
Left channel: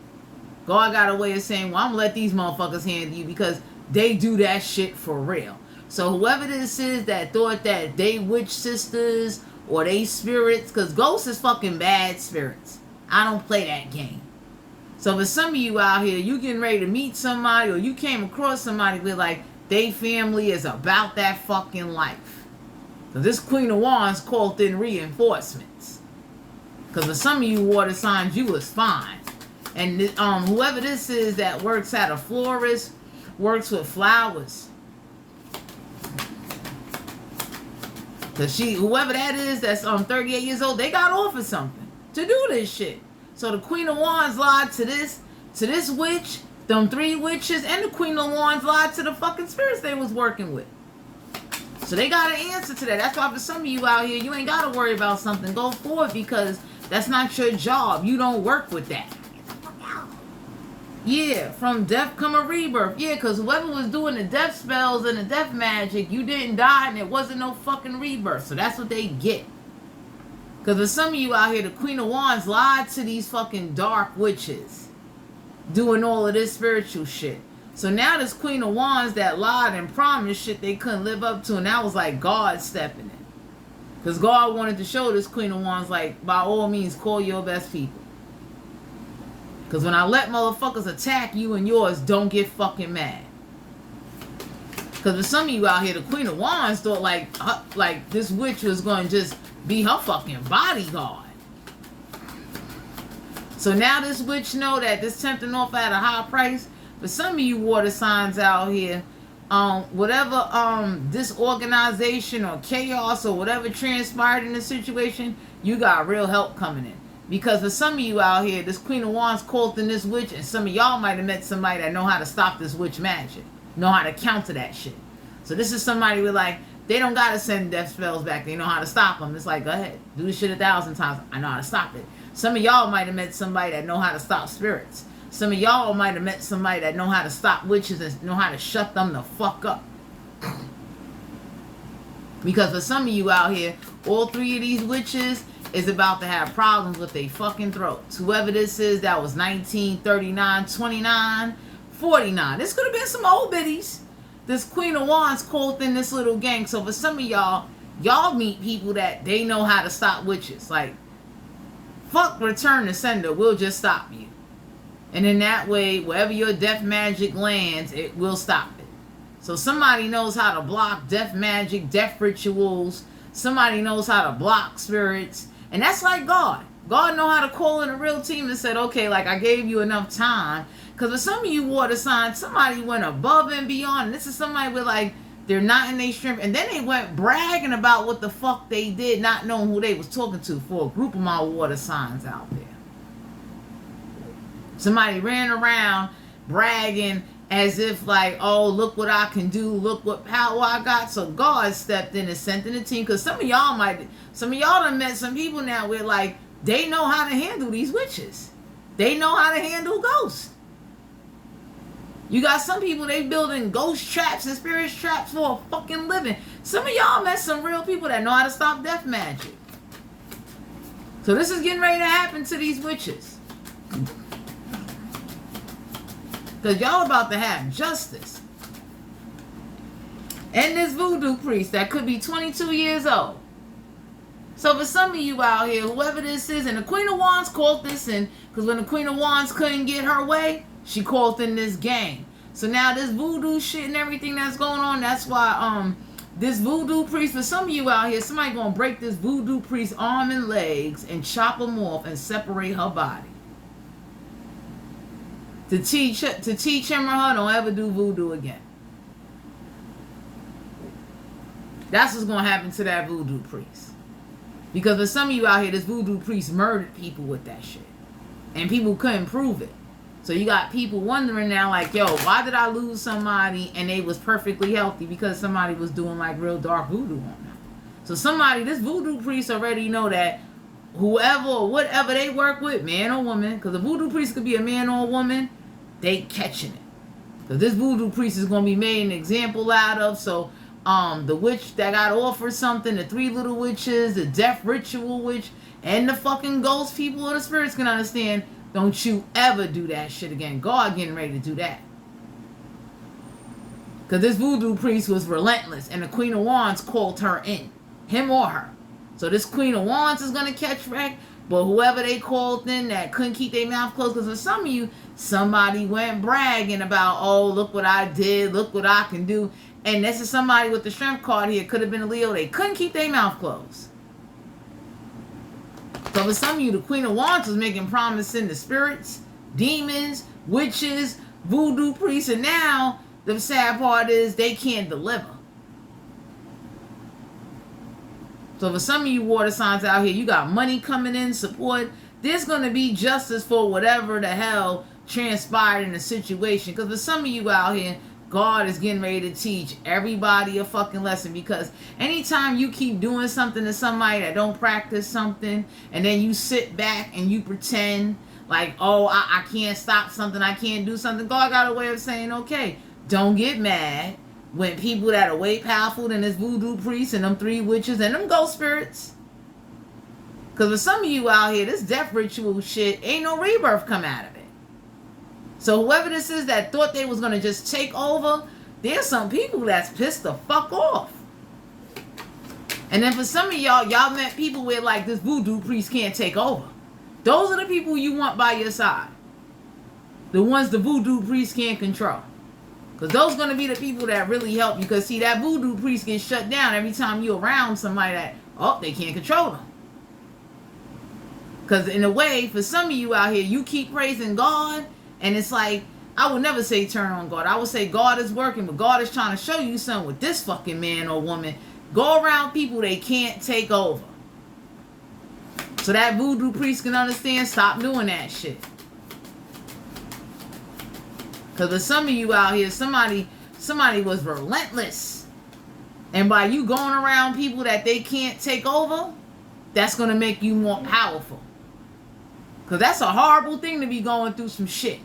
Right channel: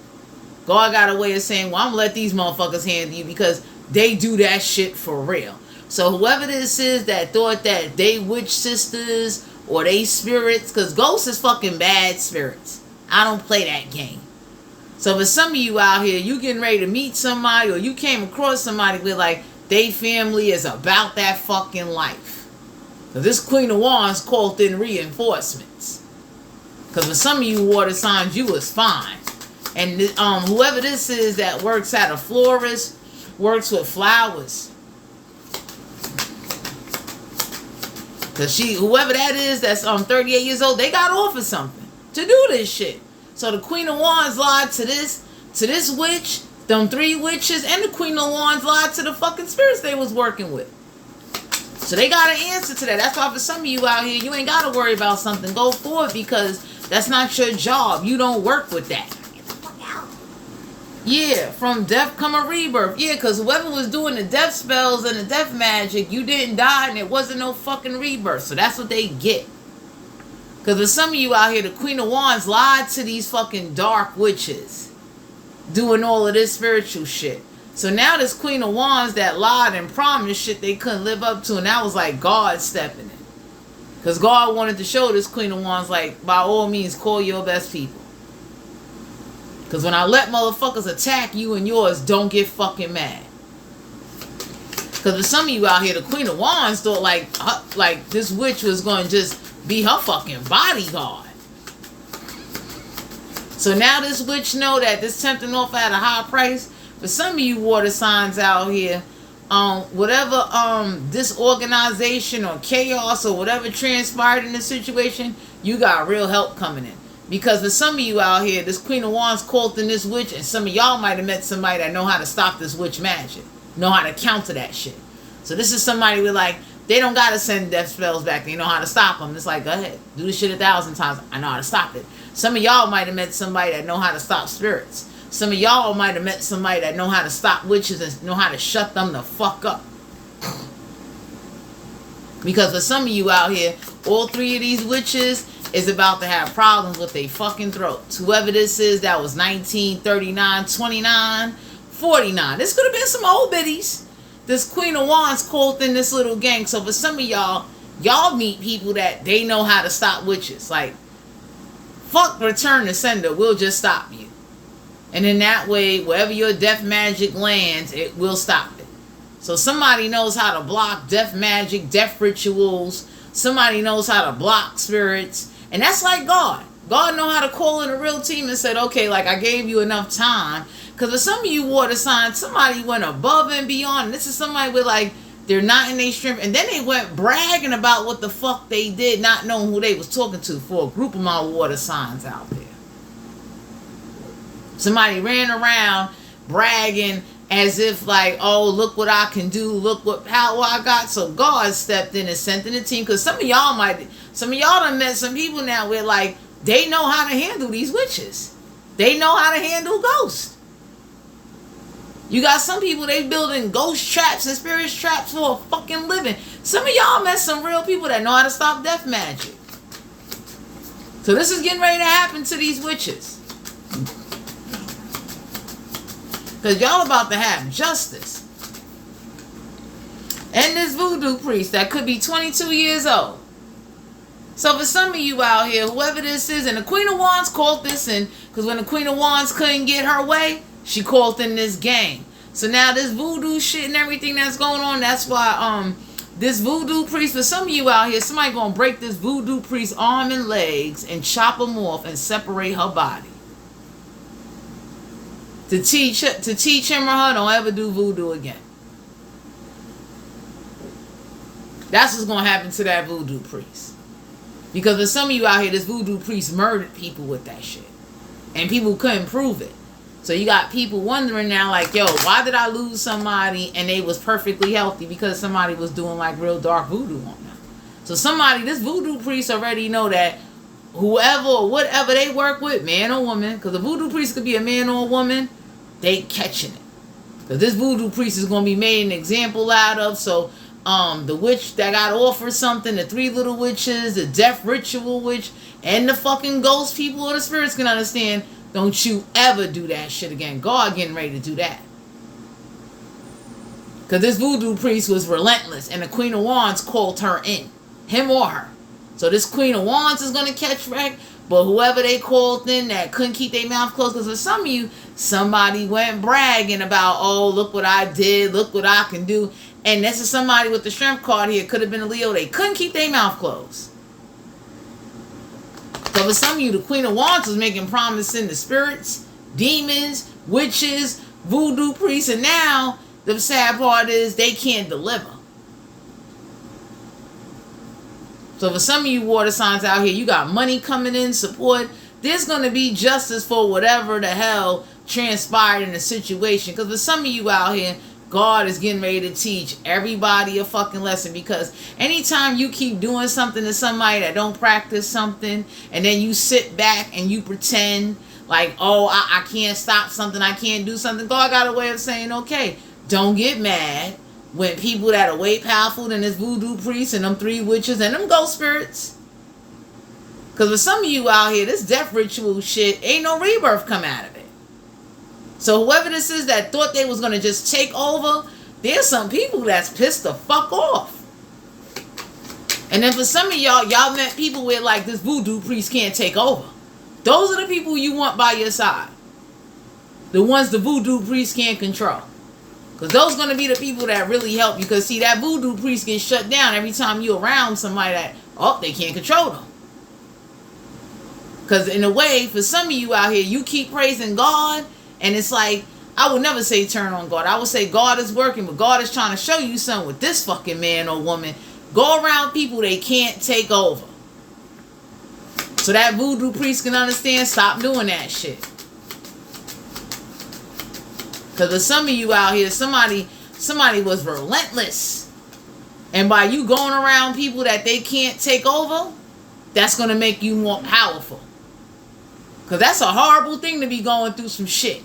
God got a way of saying, well, I'm gonna let these motherfuckers handle you because they do that shit for real. So whoever this is that thought that they witch sisters or they spirits, because ghosts is fucking bad spirits. I don't play that game. So for some of you out here, you getting ready to meet somebody, or you came across somebody with like, they family is about that fucking life. Because this Queen of Wands called in reinforcements. Because for some of you water signs, you was fine. And whoever this is that works at a florist, works with flowers. Because whoever that is that's 38 years old, they got offered something to do this shit. So the Queen of Wands lied to this witch, them 3 witches, and the Queen of Wands lied to the fucking spirits they was working with. So they got an answer to that. That's why for some of you out here, you ain't got to worry about something. Go forward because that's not your job. You don't work with that. Yeah, from death come a rebirth. Yeah, because whoever was doing the death spells and the death magic, you didn't die and it wasn't no fucking rebirth. So that's what they get. Because for some of you out here, the Queen of Wands lied to these fucking dark witches doing all of this spiritual shit. So now this Queen of Wands that lied and promised shit they couldn't live up to, and that was like God stepping in. Because God wanted to show this Queen of Wands, like, by all means, call your best people. Because when I let motherfuckers attack you and yours, don't get fucking mad. Because for some of you out here, the Queen of Wands thought like this witch was going to just be her fucking bodyguard. So now this witch know that this tempting off at a high price. For some of you water signs out here, whatever disorganization or chaos or whatever transpired in the situation, you got real help coming in. Because for some of you out here, this Queen of Wands called in this witch, and some of y'all might have met somebody that know how to stop this witch magic, know how to counter that shit. So this is somebody with like, they don't got to send death spells back. They know how to stop them. It's like, go ahead, do this shit 1,000 times. I know how to stop it. Some of y'all might have met somebody that know how to stop spirits. Some of y'all might have met somebody that know how to stop witches and know how to shut them the fuck up. Because for some of you out here, all 3 of these witches is about to have problems with their fucking throats. Whoever this is that was 19, 39, 29, 49. This could have been some old biddies. This Queen of Wands called in this little gang. So for some of y'all meet people that they know how to stop witches. Like, fuck return to sender, we'll just stop you. And in that way, wherever your death magic lands, it will stop it. So somebody knows how to block death magic, death rituals. Somebody knows how to block spirits. And that's like God. God know how to call in a real team and said, okay, like I gave you enough time. Because for some of you water signs, somebody went above and beyond. This is somebody with like, they're not in their strength. And then they went bragging about what the fuck they did, not knowing who they was talking to, for a group of my water signs out there. Somebody ran around bragging as if like, oh, look what I can do. Look what power I got. So God stepped in and sent in a team. Because some of y'all done met some people now where like, they know how to handle these witches. They know how to handle ghosts. You got some people, they building ghost traps and spirit traps for a fucking living. Some of y'all met some real people that know how to stop death magic. So this is getting ready to happen to these witches. Because y'all about to have justice. And this voodoo priest that could be 22 years old. So for some of you out here, whoever this is, and the Queen of Wands called this in, because when the Queen of Wands couldn't get her way, she called in this gang. So now this voodoo shit and everything that's going on, that's why this voodoo priest, for some of you out here, somebody gonna break this voodoo priest's arm and legs and chop them off and separate her body. To teach him or her, don't ever do voodoo again. That's what's gonna happen to that voodoo priest. Because for some of you out here, this voodoo priest murdered people with that shit. And people couldn't prove it. So you got people wondering now, like, yo, why did I lose somebody and they was perfectly healthy? Because somebody was doing like real dark voodoo on them. So this voodoo priest already know that whoever or whatever they work with, man or woman, because the voodoo priest could be a man or a woman, they catching it. Because this voodoo priest is going to be made an example out of. So the witch that got offered something, the 3 little witches, the death ritual witch, and the fucking ghost people or the spirits can understand, don't you ever do that shit again. God getting ready to do that. Because this voodoo priest was relentless, and the Queen of Wands called her in. Him or her. So this Queen of Wands is going to catch wreck. But whoever they called in that couldn't keep their mouth closed, because for some of you, somebody went bragging about, oh, look what I did, look what I can do. And this is somebody with the strength card here. Could have been a Leo. They couldn't keep their mouth closed. So for some of you, the Queen of Wands was making promises to spirits, demons, witches, voodoo priests, and now the sad part is they can't deliver. So for some of you water signs out here, you got money coming in, support. There's going to be justice for whatever the hell transpired in the situation. Because for some of you out here, God is getting ready to teach everybody a fucking lesson. Because anytime you keep doing something to somebody that don't practice something, and then you sit back and you pretend like, oh, I can't stop something, I can't do something. God got a way of saying, okay, don't get mad when people that are way powerful than this voodoo priest and them 3 witches and them ghost spirits. Because for some of you out here, this death ritual shit, ain't no rebirth come out of it. So whoever this is that thought they was going to just take over, there's some people that's pissed the fuck off. And then for some of y'all met people where like this voodoo priest can't take over. Those are the people you want by your side. The ones the voodoo priest can't control. Because those are going to be the people that really help you. Because see, that voodoo priest gets shut down every time you're around somebody that, oh, they can't control them. Because in a way, for some of you out here, you keep praising God. And it's like, I would never say turn on God. I would say God is working, but God is trying to show you something with this fucking man or woman. Go around people they can't take over. So that voodoo priest can understand, stop doing that shit. Because for some of you out here, somebody was relentless. And by you going around people that they can't take over, that's going to make you more powerful. Because that's a horrible thing to be going through some shit.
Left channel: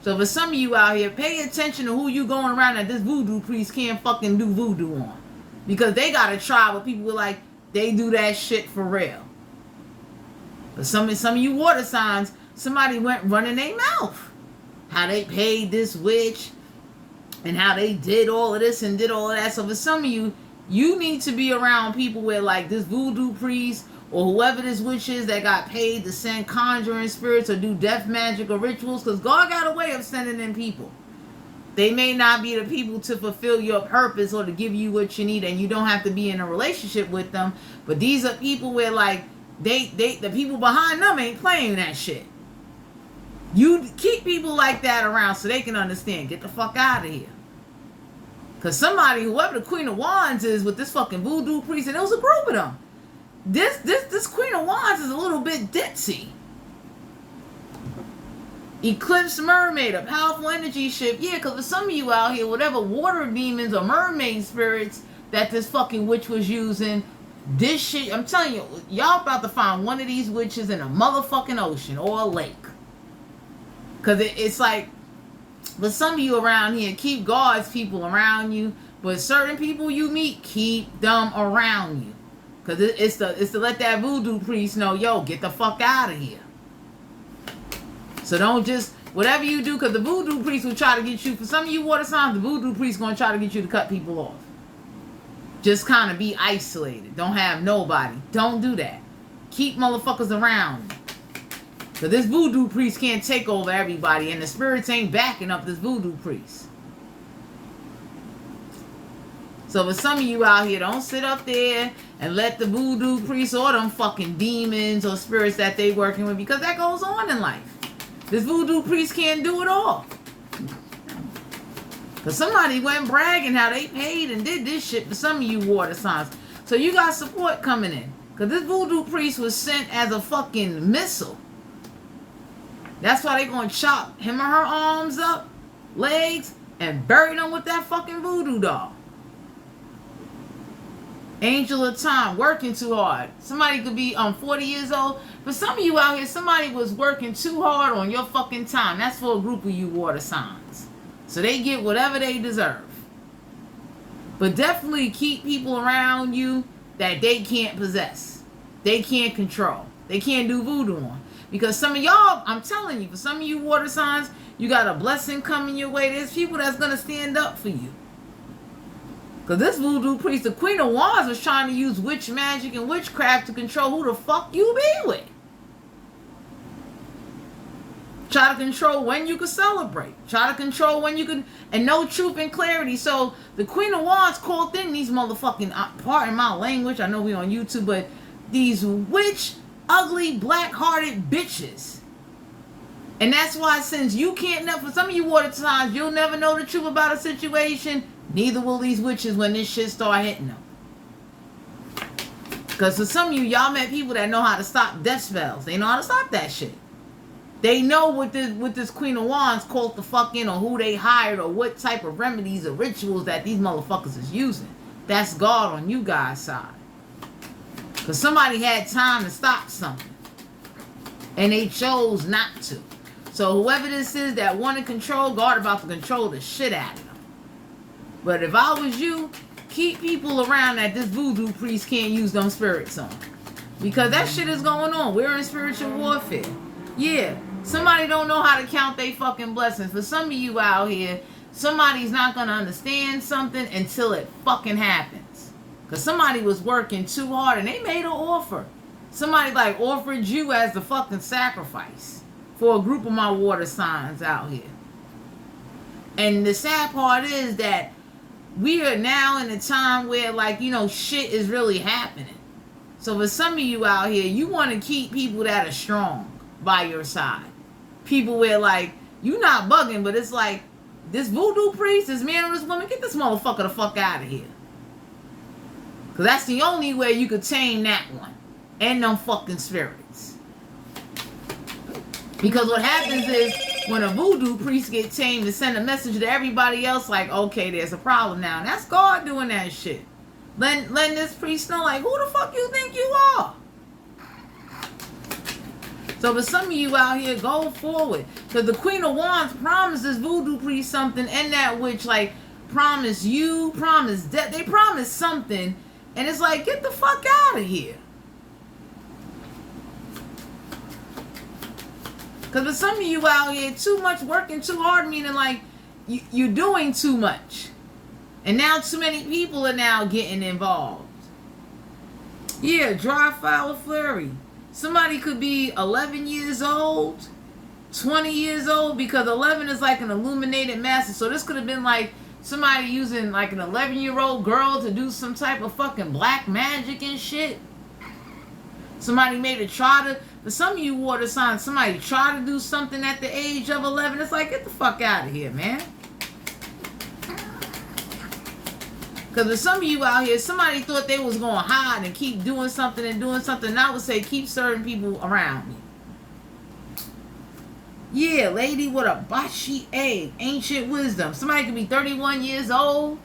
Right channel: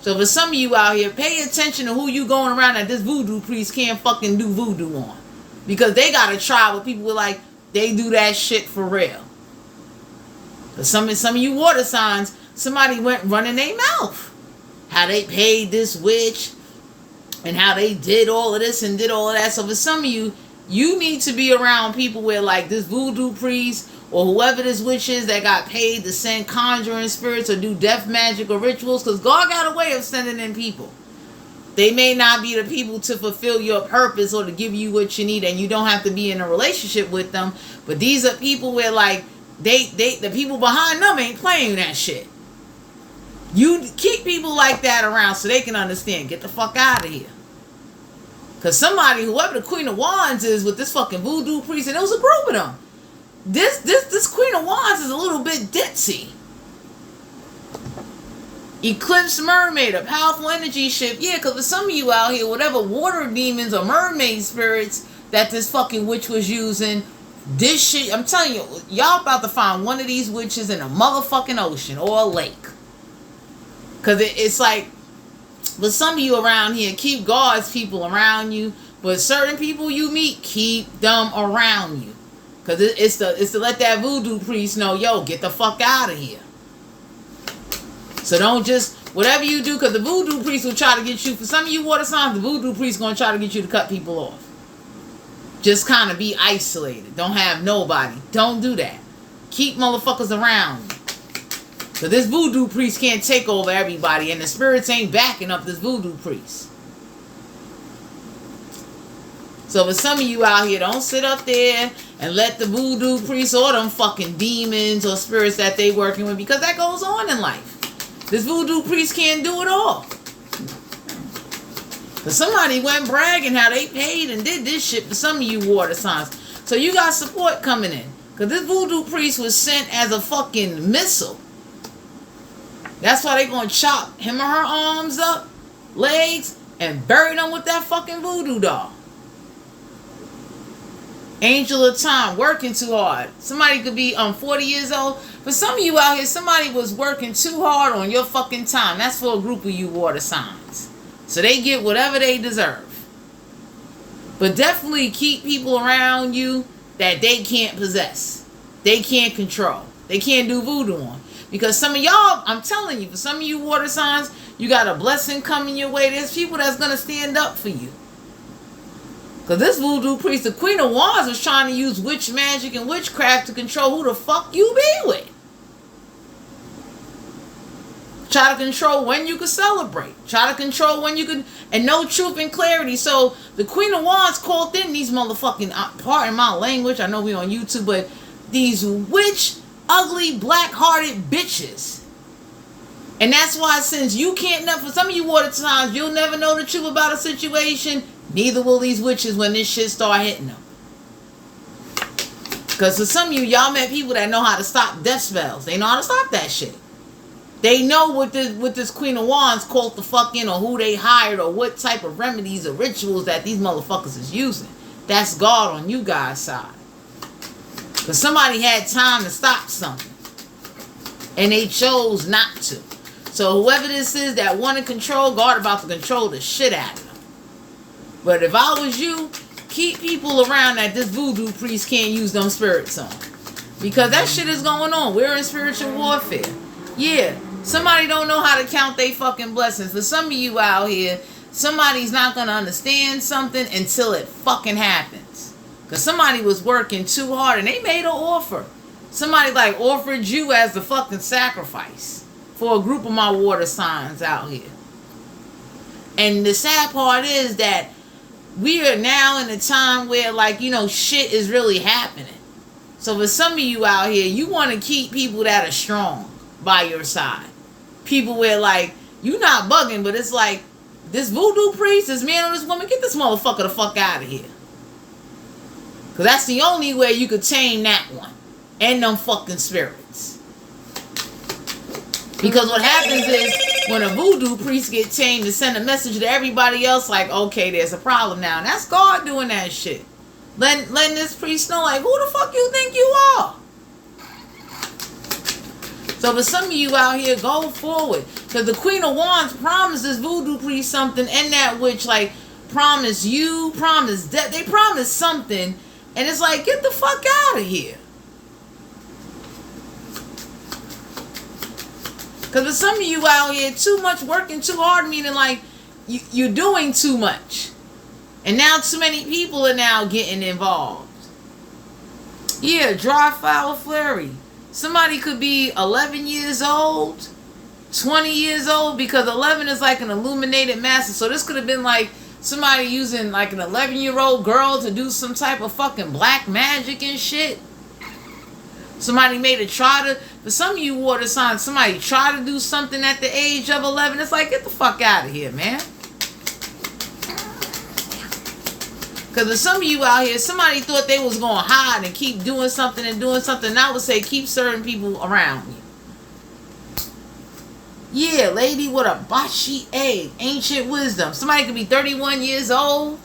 So for some of you out here, pay attention to who you going around that this voodoo priest can't fucking do voodoo on. Because they got to try with people who like, they do that shit for real. But some of you water signs, somebody went running their mouth. How they paid this witch and how they did all of this and did all of that. So for some of you, you need to be around people where like this voodoo priest or whoever this witch is that got paid to send conjuring spirits or do death magic or rituals. Because God got a way of sending in people. They may not be the people to fulfill your purpose or to give you what you need, and you don't have to be in a relationship with them. But these are people where like the people behind them ain't playing that shit. You keep people like that around so they can understand. Get the fuck out of here. Because somebody, whoever the Queen of Wands is with this fucking voodoo priest, and it was a group of them. This Queen of Wands is a little bit ditzy. Eclipse mermaid, a powerful energy shift. Yeah, because for some of you out here, whatever water demons or mermaid spirits that this fucking witch was using, this shit, I'm telling you, y'all about to find one of these witches in a motherfucking ocean or a lake. Because it's like, but some of you around here, keep God's people around you. But certain people you meet, keep them around you. Because it's to let that voodoo priest know, yo, get the fuck out of here. So don't just, whatever you do, because the voodoo priest will try to get you, for some of you water signs, the voodoo priest going to try to get you to cut people off. Just kind of be isolated. Don't have nobody. Don't do that. Keep motherfuckers around. So this voodoo priest can't take over everybody, and the spirits ain't backing up this voodoo priest. So for some of you out here, don't sit up there and let the voodoo priest or them fucking demons or spirits that they working with, because that goes on in life. This voodoo priest can't do it all. Because somebody went bragging how they paid and did this shit for some of you water signs. So you got support coming in. Because this voodoo priest was sent as a fucking missile. That's why they gonna chop him or her arms up, legs, and bury them with that fucking voodoo doll. Angel of time, working too hard. Somebody could be 40 years old. For some of you out here, somebody was working too hard on your fucking time. That's for a group of you water signs. So they get whatever they deserve. But definitely keep people around you that they can't possess. They can't control. They can't do voodoo on. Because some of y'all, I'm telling you, for some of you water signs, you got a blessing coming your way. There's people that's going to stand up for you. Because this voodoo priest, the Queen of Wands, was trying to use witch magic and witchcraft to control who the fuck you be with. Try to control when you could celebrate. Try to control when you could, and no truth and clarity. So the Queen of Wands called in these motherfucking, pardon my language, I know we on YouTube, but these witch, ugly, black-hearted bitches. And that's why, since you can't never, for some of you water signs, you'll never know the truth about a situation. Neither will these witches when this shit start hitting them. Because for some of you, y'all met people that know how to stop death spells. They know how to stop that shit. They know what this Queen of Wands called the fuck in, or who they hired, or what type of remedies or rituals that these motherfuckers is using. That's God on you guys' side. Because somebody had time to stop something. And they chose not to. So whoever this is that wanted control, God about to control the shit out of them. But if I was you, keep people around that this voodoo priest can't use them spirits on. Because that shit is going on. We're in spiritual warfare. Yeah. Somebody don't know how to count their fucking blessings. For some of you out here, somebody's not going to understand something until it fucking happens. Because somebody was working too hard and they made an offer. Somebody like offered you as the fucking sacrifice for a group of my water signs out here. And the sad part is that we are now in a time where, like, you know, shit is really happening. So for some of you out here, you want to keep people that are strong by your side. People where, like, you not bugging, but it's like, this voodoo priest, this man or this woman, get this motherfucker the fuck out of here. Because that's the only way you could tame that one. And them fucking spirits. Because what happens is, when a voodoo priest gets tamed, to send a message to everybody else, like, okay, there's a problem now. And that's God doing that shit. Letting this priest know, like, who the fuck you think you are? So for some of you out here, go forward. Because the Queen of Wands promised this voodoo priest something, and that witch, like, promised you, promised death. They promised something, and it's like, get the fuck out of here. Because for some of you out here, too much working too hard, meaning like you're doing too much. And now too many people are now getting involved. Yeah, dry flower flurry. Somebody could be 11 years old, 20 years old, because 11 is like an illuminated master. So this could have been like somebody using like an 11-year-old girl to do some type of fucking black magic and shit. Somebody made a try to, for some of you water signs, somebody try to do something at the age of 11. It's like, get the fuck out of here, man. Because for some of you out here, somebody thought they was going to hide and keep doing something and doing something. And I would say, keep certain people around you. Yeah, lady with a bashi egg, ancient wisdom. Somebody could be 31 years old.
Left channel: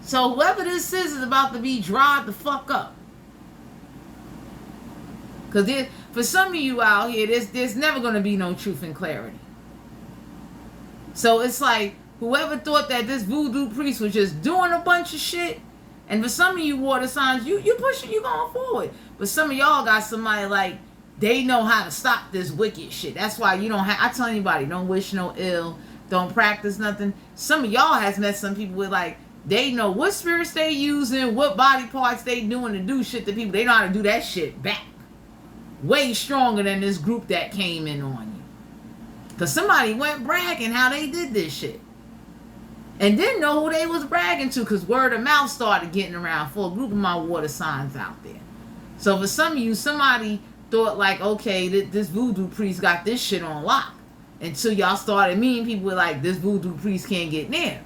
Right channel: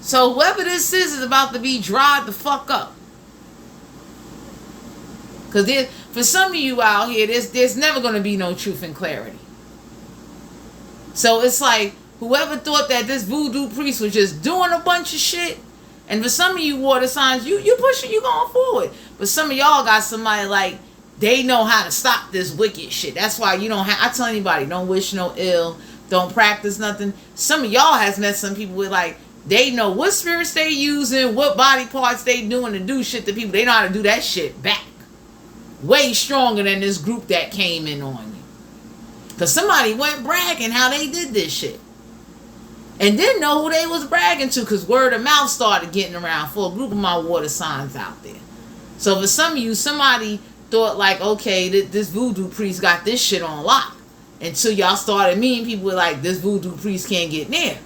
So whoever this is about to be dried the fuck up. Because for some of you out here, there's never going to be no truth and clarity. So it's like, whoever thought that this voodoo priest was just doing a bunch of shit, and for some of you water signs, you pushing, you going forward. But some of y'all got somebody like, they know how to stop this wicked shit. That's why you don't have, I tell anybody, don't wish no ill, don't practice nothing. Some of y'all has met some people with like, they know what spirits they using, what body parts they doing to do shit to people. They know how to do that shit back. Way stronger than this group that came in on you. Because somebody went bragging how they did this shit. And didn't know who they was bragging to, because word of mouth started getting around for a group of my water signs out there. So for some of you, somebody thought like, okay, this voodoo priest got this shit on lock. Until y'all started meeting people with like, this voodoo priest can't get near.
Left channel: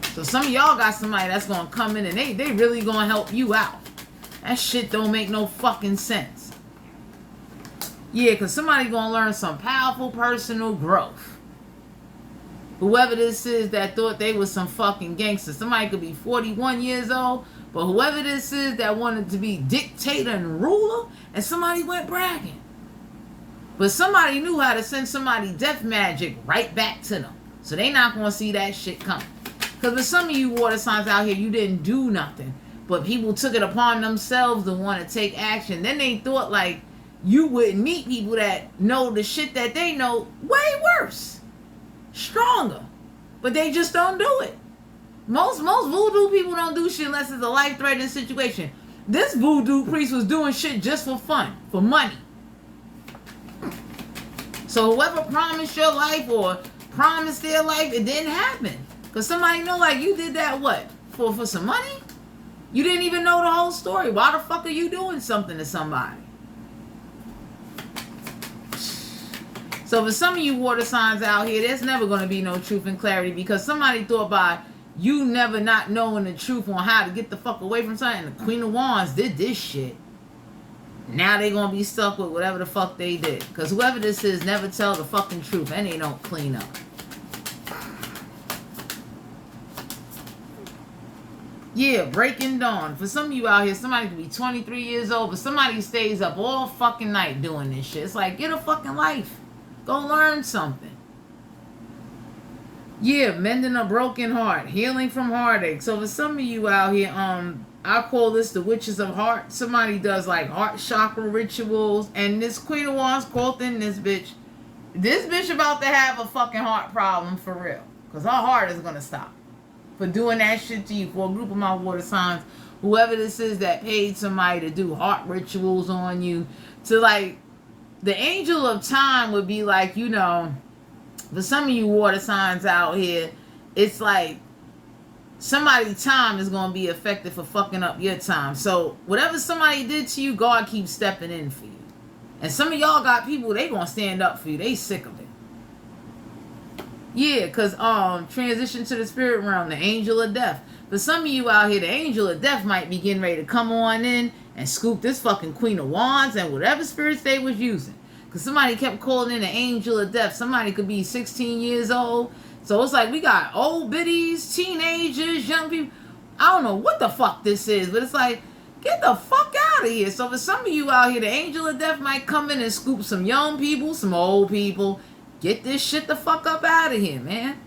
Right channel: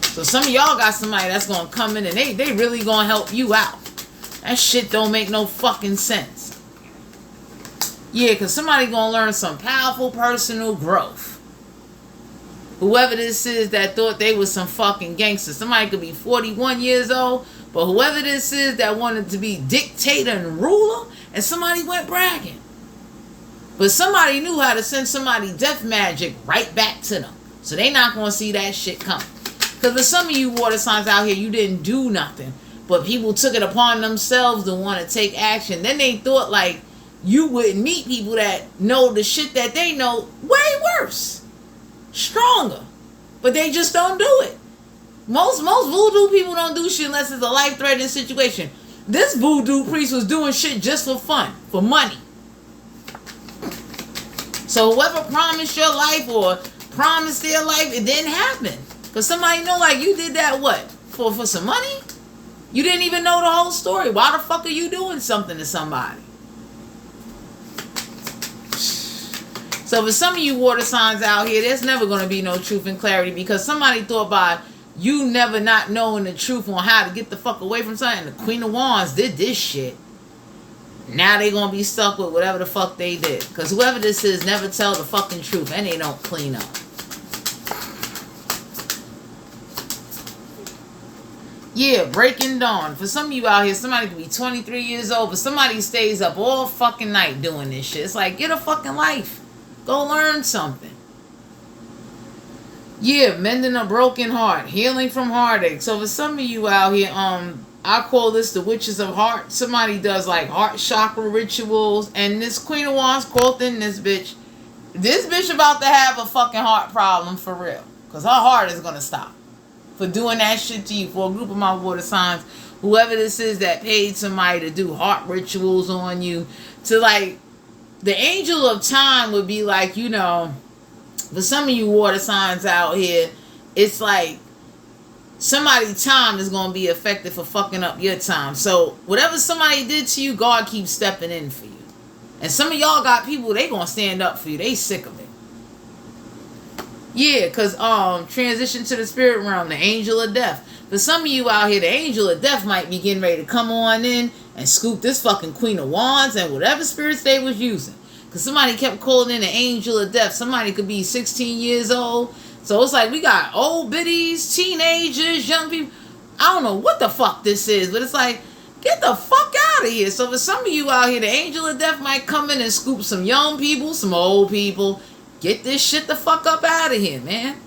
So some of y'all got somebody that's going to come in and they really going to help you out. That shit don't make no fucking sense. Yeah, because somebody going to learn some powerful personal growth. Whoever this is that thought they was some fucking gangsters. Somebody could be 41 years old, but whoever this is that wanted to be dictator and ruler, and somebody went bragging. But somebody knew how to send somebody death magic right back to them. So they not going to see that shit coming. Because for some of you water signs out here, you didn't do nothing. But people took it upon themselves to want to take action. Then they thought like you wouldn't meet people that know the shit that they know way worse. Stronger. But they just don't do it. Most voodoo people don't do shit unless it's a life-threatening situation. This voodoo priest was doing shit just for fun. For money. So whoever promised your life or promised their life, it didn't happen. Because somebody know, like, you did that what? For some money? You didn't even know the whole story. Why the fuck are you doing something to somebody? So for some of you water signs out here, there's never going to be no truth and clarity, because somebody thought by you never not knowing the truth on how to get the fuck away from something. The Queen of Wands did this shit. Now they going to be stuck with whatever the fuck they did. Because whoever this is never tell the fucking truth, and they don't clean up. Yeah, breaking dawn. For some of you out here, somebody could be 23 years old, but somebody stays up all fucking night doing this shit. It's like, get a fucking life. Go learn something. Yeah, mending a broken heart. Healing from heartache. So for some of you out here, I call this the witches of heart. Somebody does like heart chakra rituals. And this Queen of Wands quoting this bitch. This bitch about to have a fucking heart problem for real. Because her heart is going to stop. For doing that shit to you. For a group of my water signs. Whoever this is that paid somebody to do heart rituals on you. To like, the angel of time would be like, you know, for some of you water signs out here, it's like somebody's time is going to be affected for fucking up your time. So whatever somebody did to you, God keeps stepping in for you. And some of y'all got people, they going to stand up for you. They sick of it. Yeah, because transition to the spirit realm, the angel of death. For some of you out here, the angel of death might be getting ready to come on in and scoop this fucking Queen of Wands and whatever spirits they was using. Because somebody kept calling in the angel of death. Somebody could be 16 years old. So it's like we got old biddies, teenagers, young people. I don't know what the fuck this is, but it's like, get the fuck out of here. So for some of you out here, the angel of death might come in and scoop some young people, some old people. Get this shit the fuck up out of here, man.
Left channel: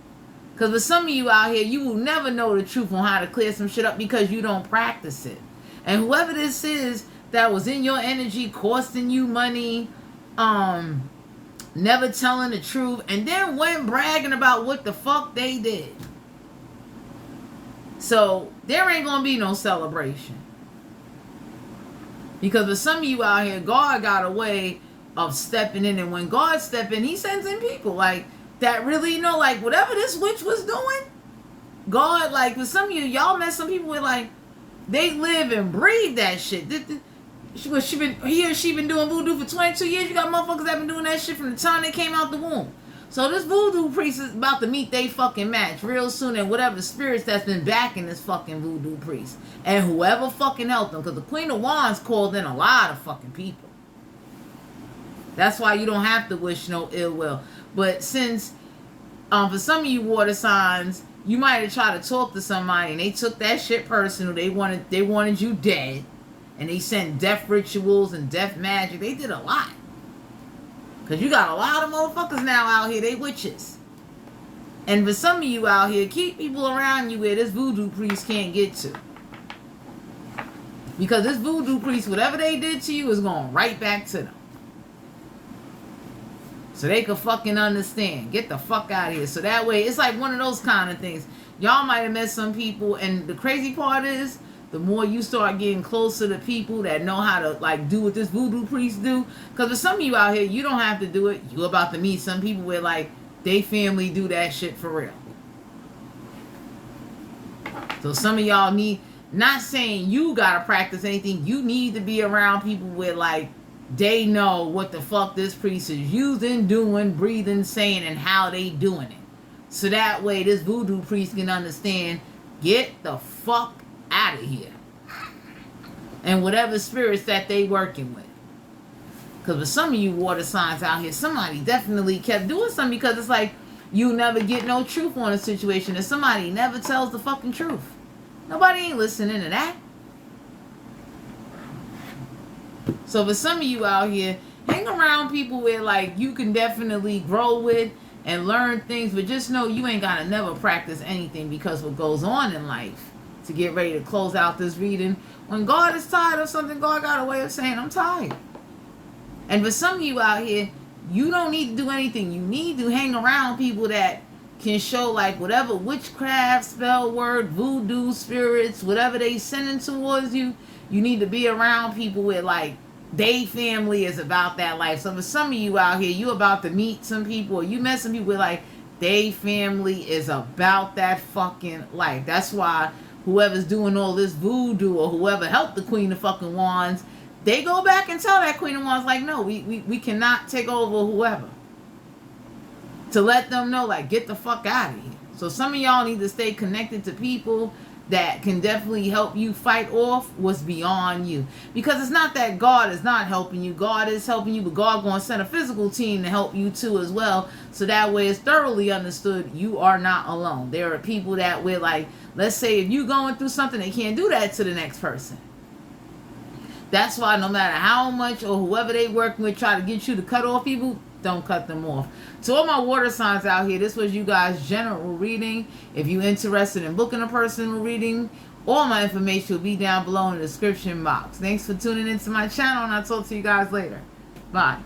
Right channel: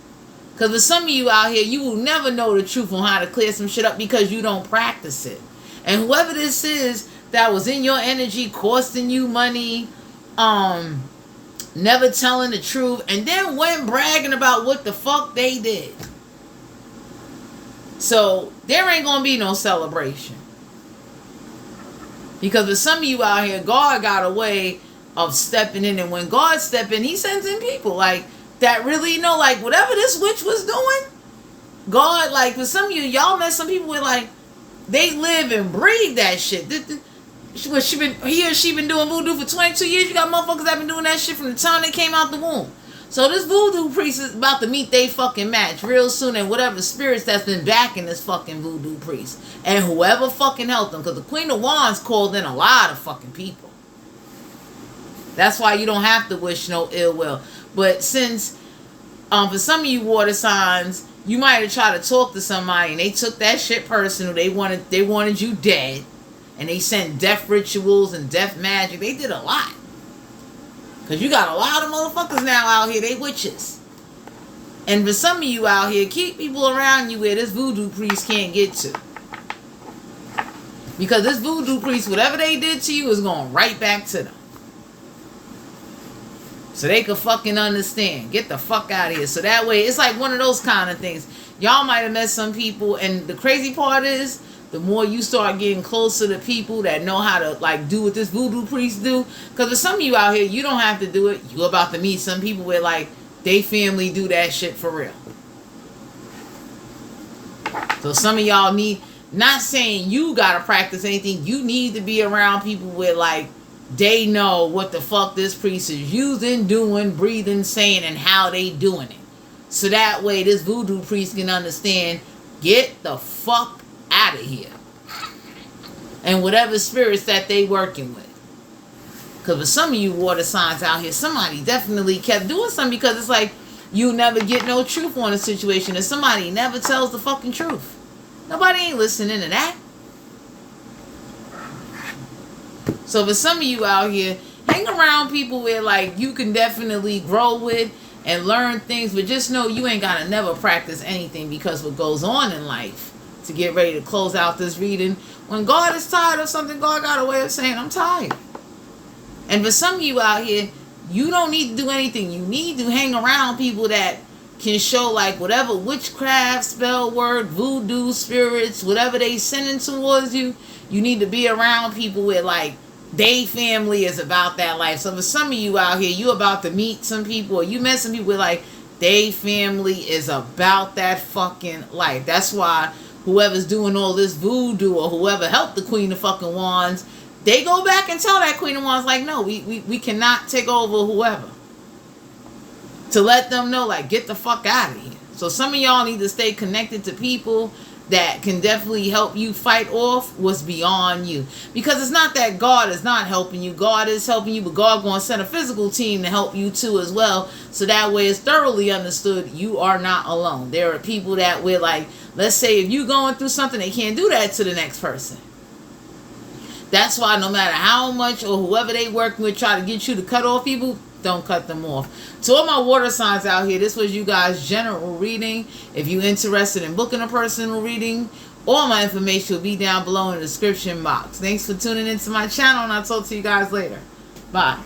Because for some of you out here, you will never know the truth on how to clear some shit up because you don't practice it. And whoever this is that was in your energy, costing you money, never telling the truth, and then went bragging about what the fuck they did. So there ain't gonna be no celebration. Because for some of you out here, God got a way of stepping in, and when God step in, he sends in people like that really know, like whatever this witch was doing, God, like for some of you, y'all met some people with like, they live and breathe that shit. He or she been doing voodoo for 22 years. You got motherfuckers that been doing that shit from the time they came out the womb. So this voodoo priest is about to meet they fucking match real soon, and whatever spirits that's been backing this fucking voodoo priest. And whoever fucking helped them, because the Queen of Wands called in a lot of fucking people. That's why you don't have to wish no ill will. But since, for some of you water signs, you might have tried to talk to somebody and they took that shit personal. They wanted you dead. And they sent death rituals and death magic. They did a lot. Because you got a lot of motherfuckers now out here. They witches. And for some of you out here, keep people around you where this voodoo priest can't get to. Because this voodoo priest, whatever they did to you is going right back to them. So they could fucking understand. Get the fuck out of here. So that way, it's like one of those kind of things. Y'all might have met some people, and the crazy part is, the more you start getting closer to people that know how to like do what this voodoo priest do. Because for some of you out here, you don't have to do it. You about to meet some people where like, they family do that shit for real. So some of y'all need, not saying you gotta practice anything, you need to be around people where like, they know what the fuck this priest is using, doing, breathing, saying, and how they doing it. So that way this voodoo priest can understand, get the fuck out of here. And whatever spirits that they working with. Because for some of you water signs out here, somebody definitely kept doing something, because it's like, you never get no truth on a situation, and somebody never tells the fucking truth. Nobody ain't listening to that. So for some of you out here, hang around people where like you can definitely grow with and learn things, but just know you ain't gotta never practice anything, because what goes on in life, to get ready to close out this reading, when God is tired of something, God got a way of saying, I'm tired. And for some of you out here, you don't need to do anything. You need to hang around people that can show like whatever witchcraft, spell word, voodoo, spirits, whatever they sending towards you. You need to be around people with like they family is about that life. So for some of you out here, you about to meet some people, or you met some people like they family is about that fucking life. That's why whoever's doing all this voodoo or whoever helped the Queen of fucking Wands, they go back and tell that Queen of Wands like, no, we cannot take over whoever. To let them know, like, get the fuck out of here. So some of y'all need to stay connected to people that can definitely help you fight off what's beyond you. Because it's not that God is not helping you. God is helping you, but God going to send a physical team to help you too as well. So that way it's thoroughly understood you are not alone. There are people that we're like, let's say if you're going through something, they can't do that to the next person. That's why no matter how much or whoever they working with try to get you to cut off people, don't cut them off. To all my water signs out here, this was you guys' general reading. If you're interested in booking a personal reading, all my information will be down below in the description box. Thanks for tuning into my channel, and I'll talk to you guys later. Bye.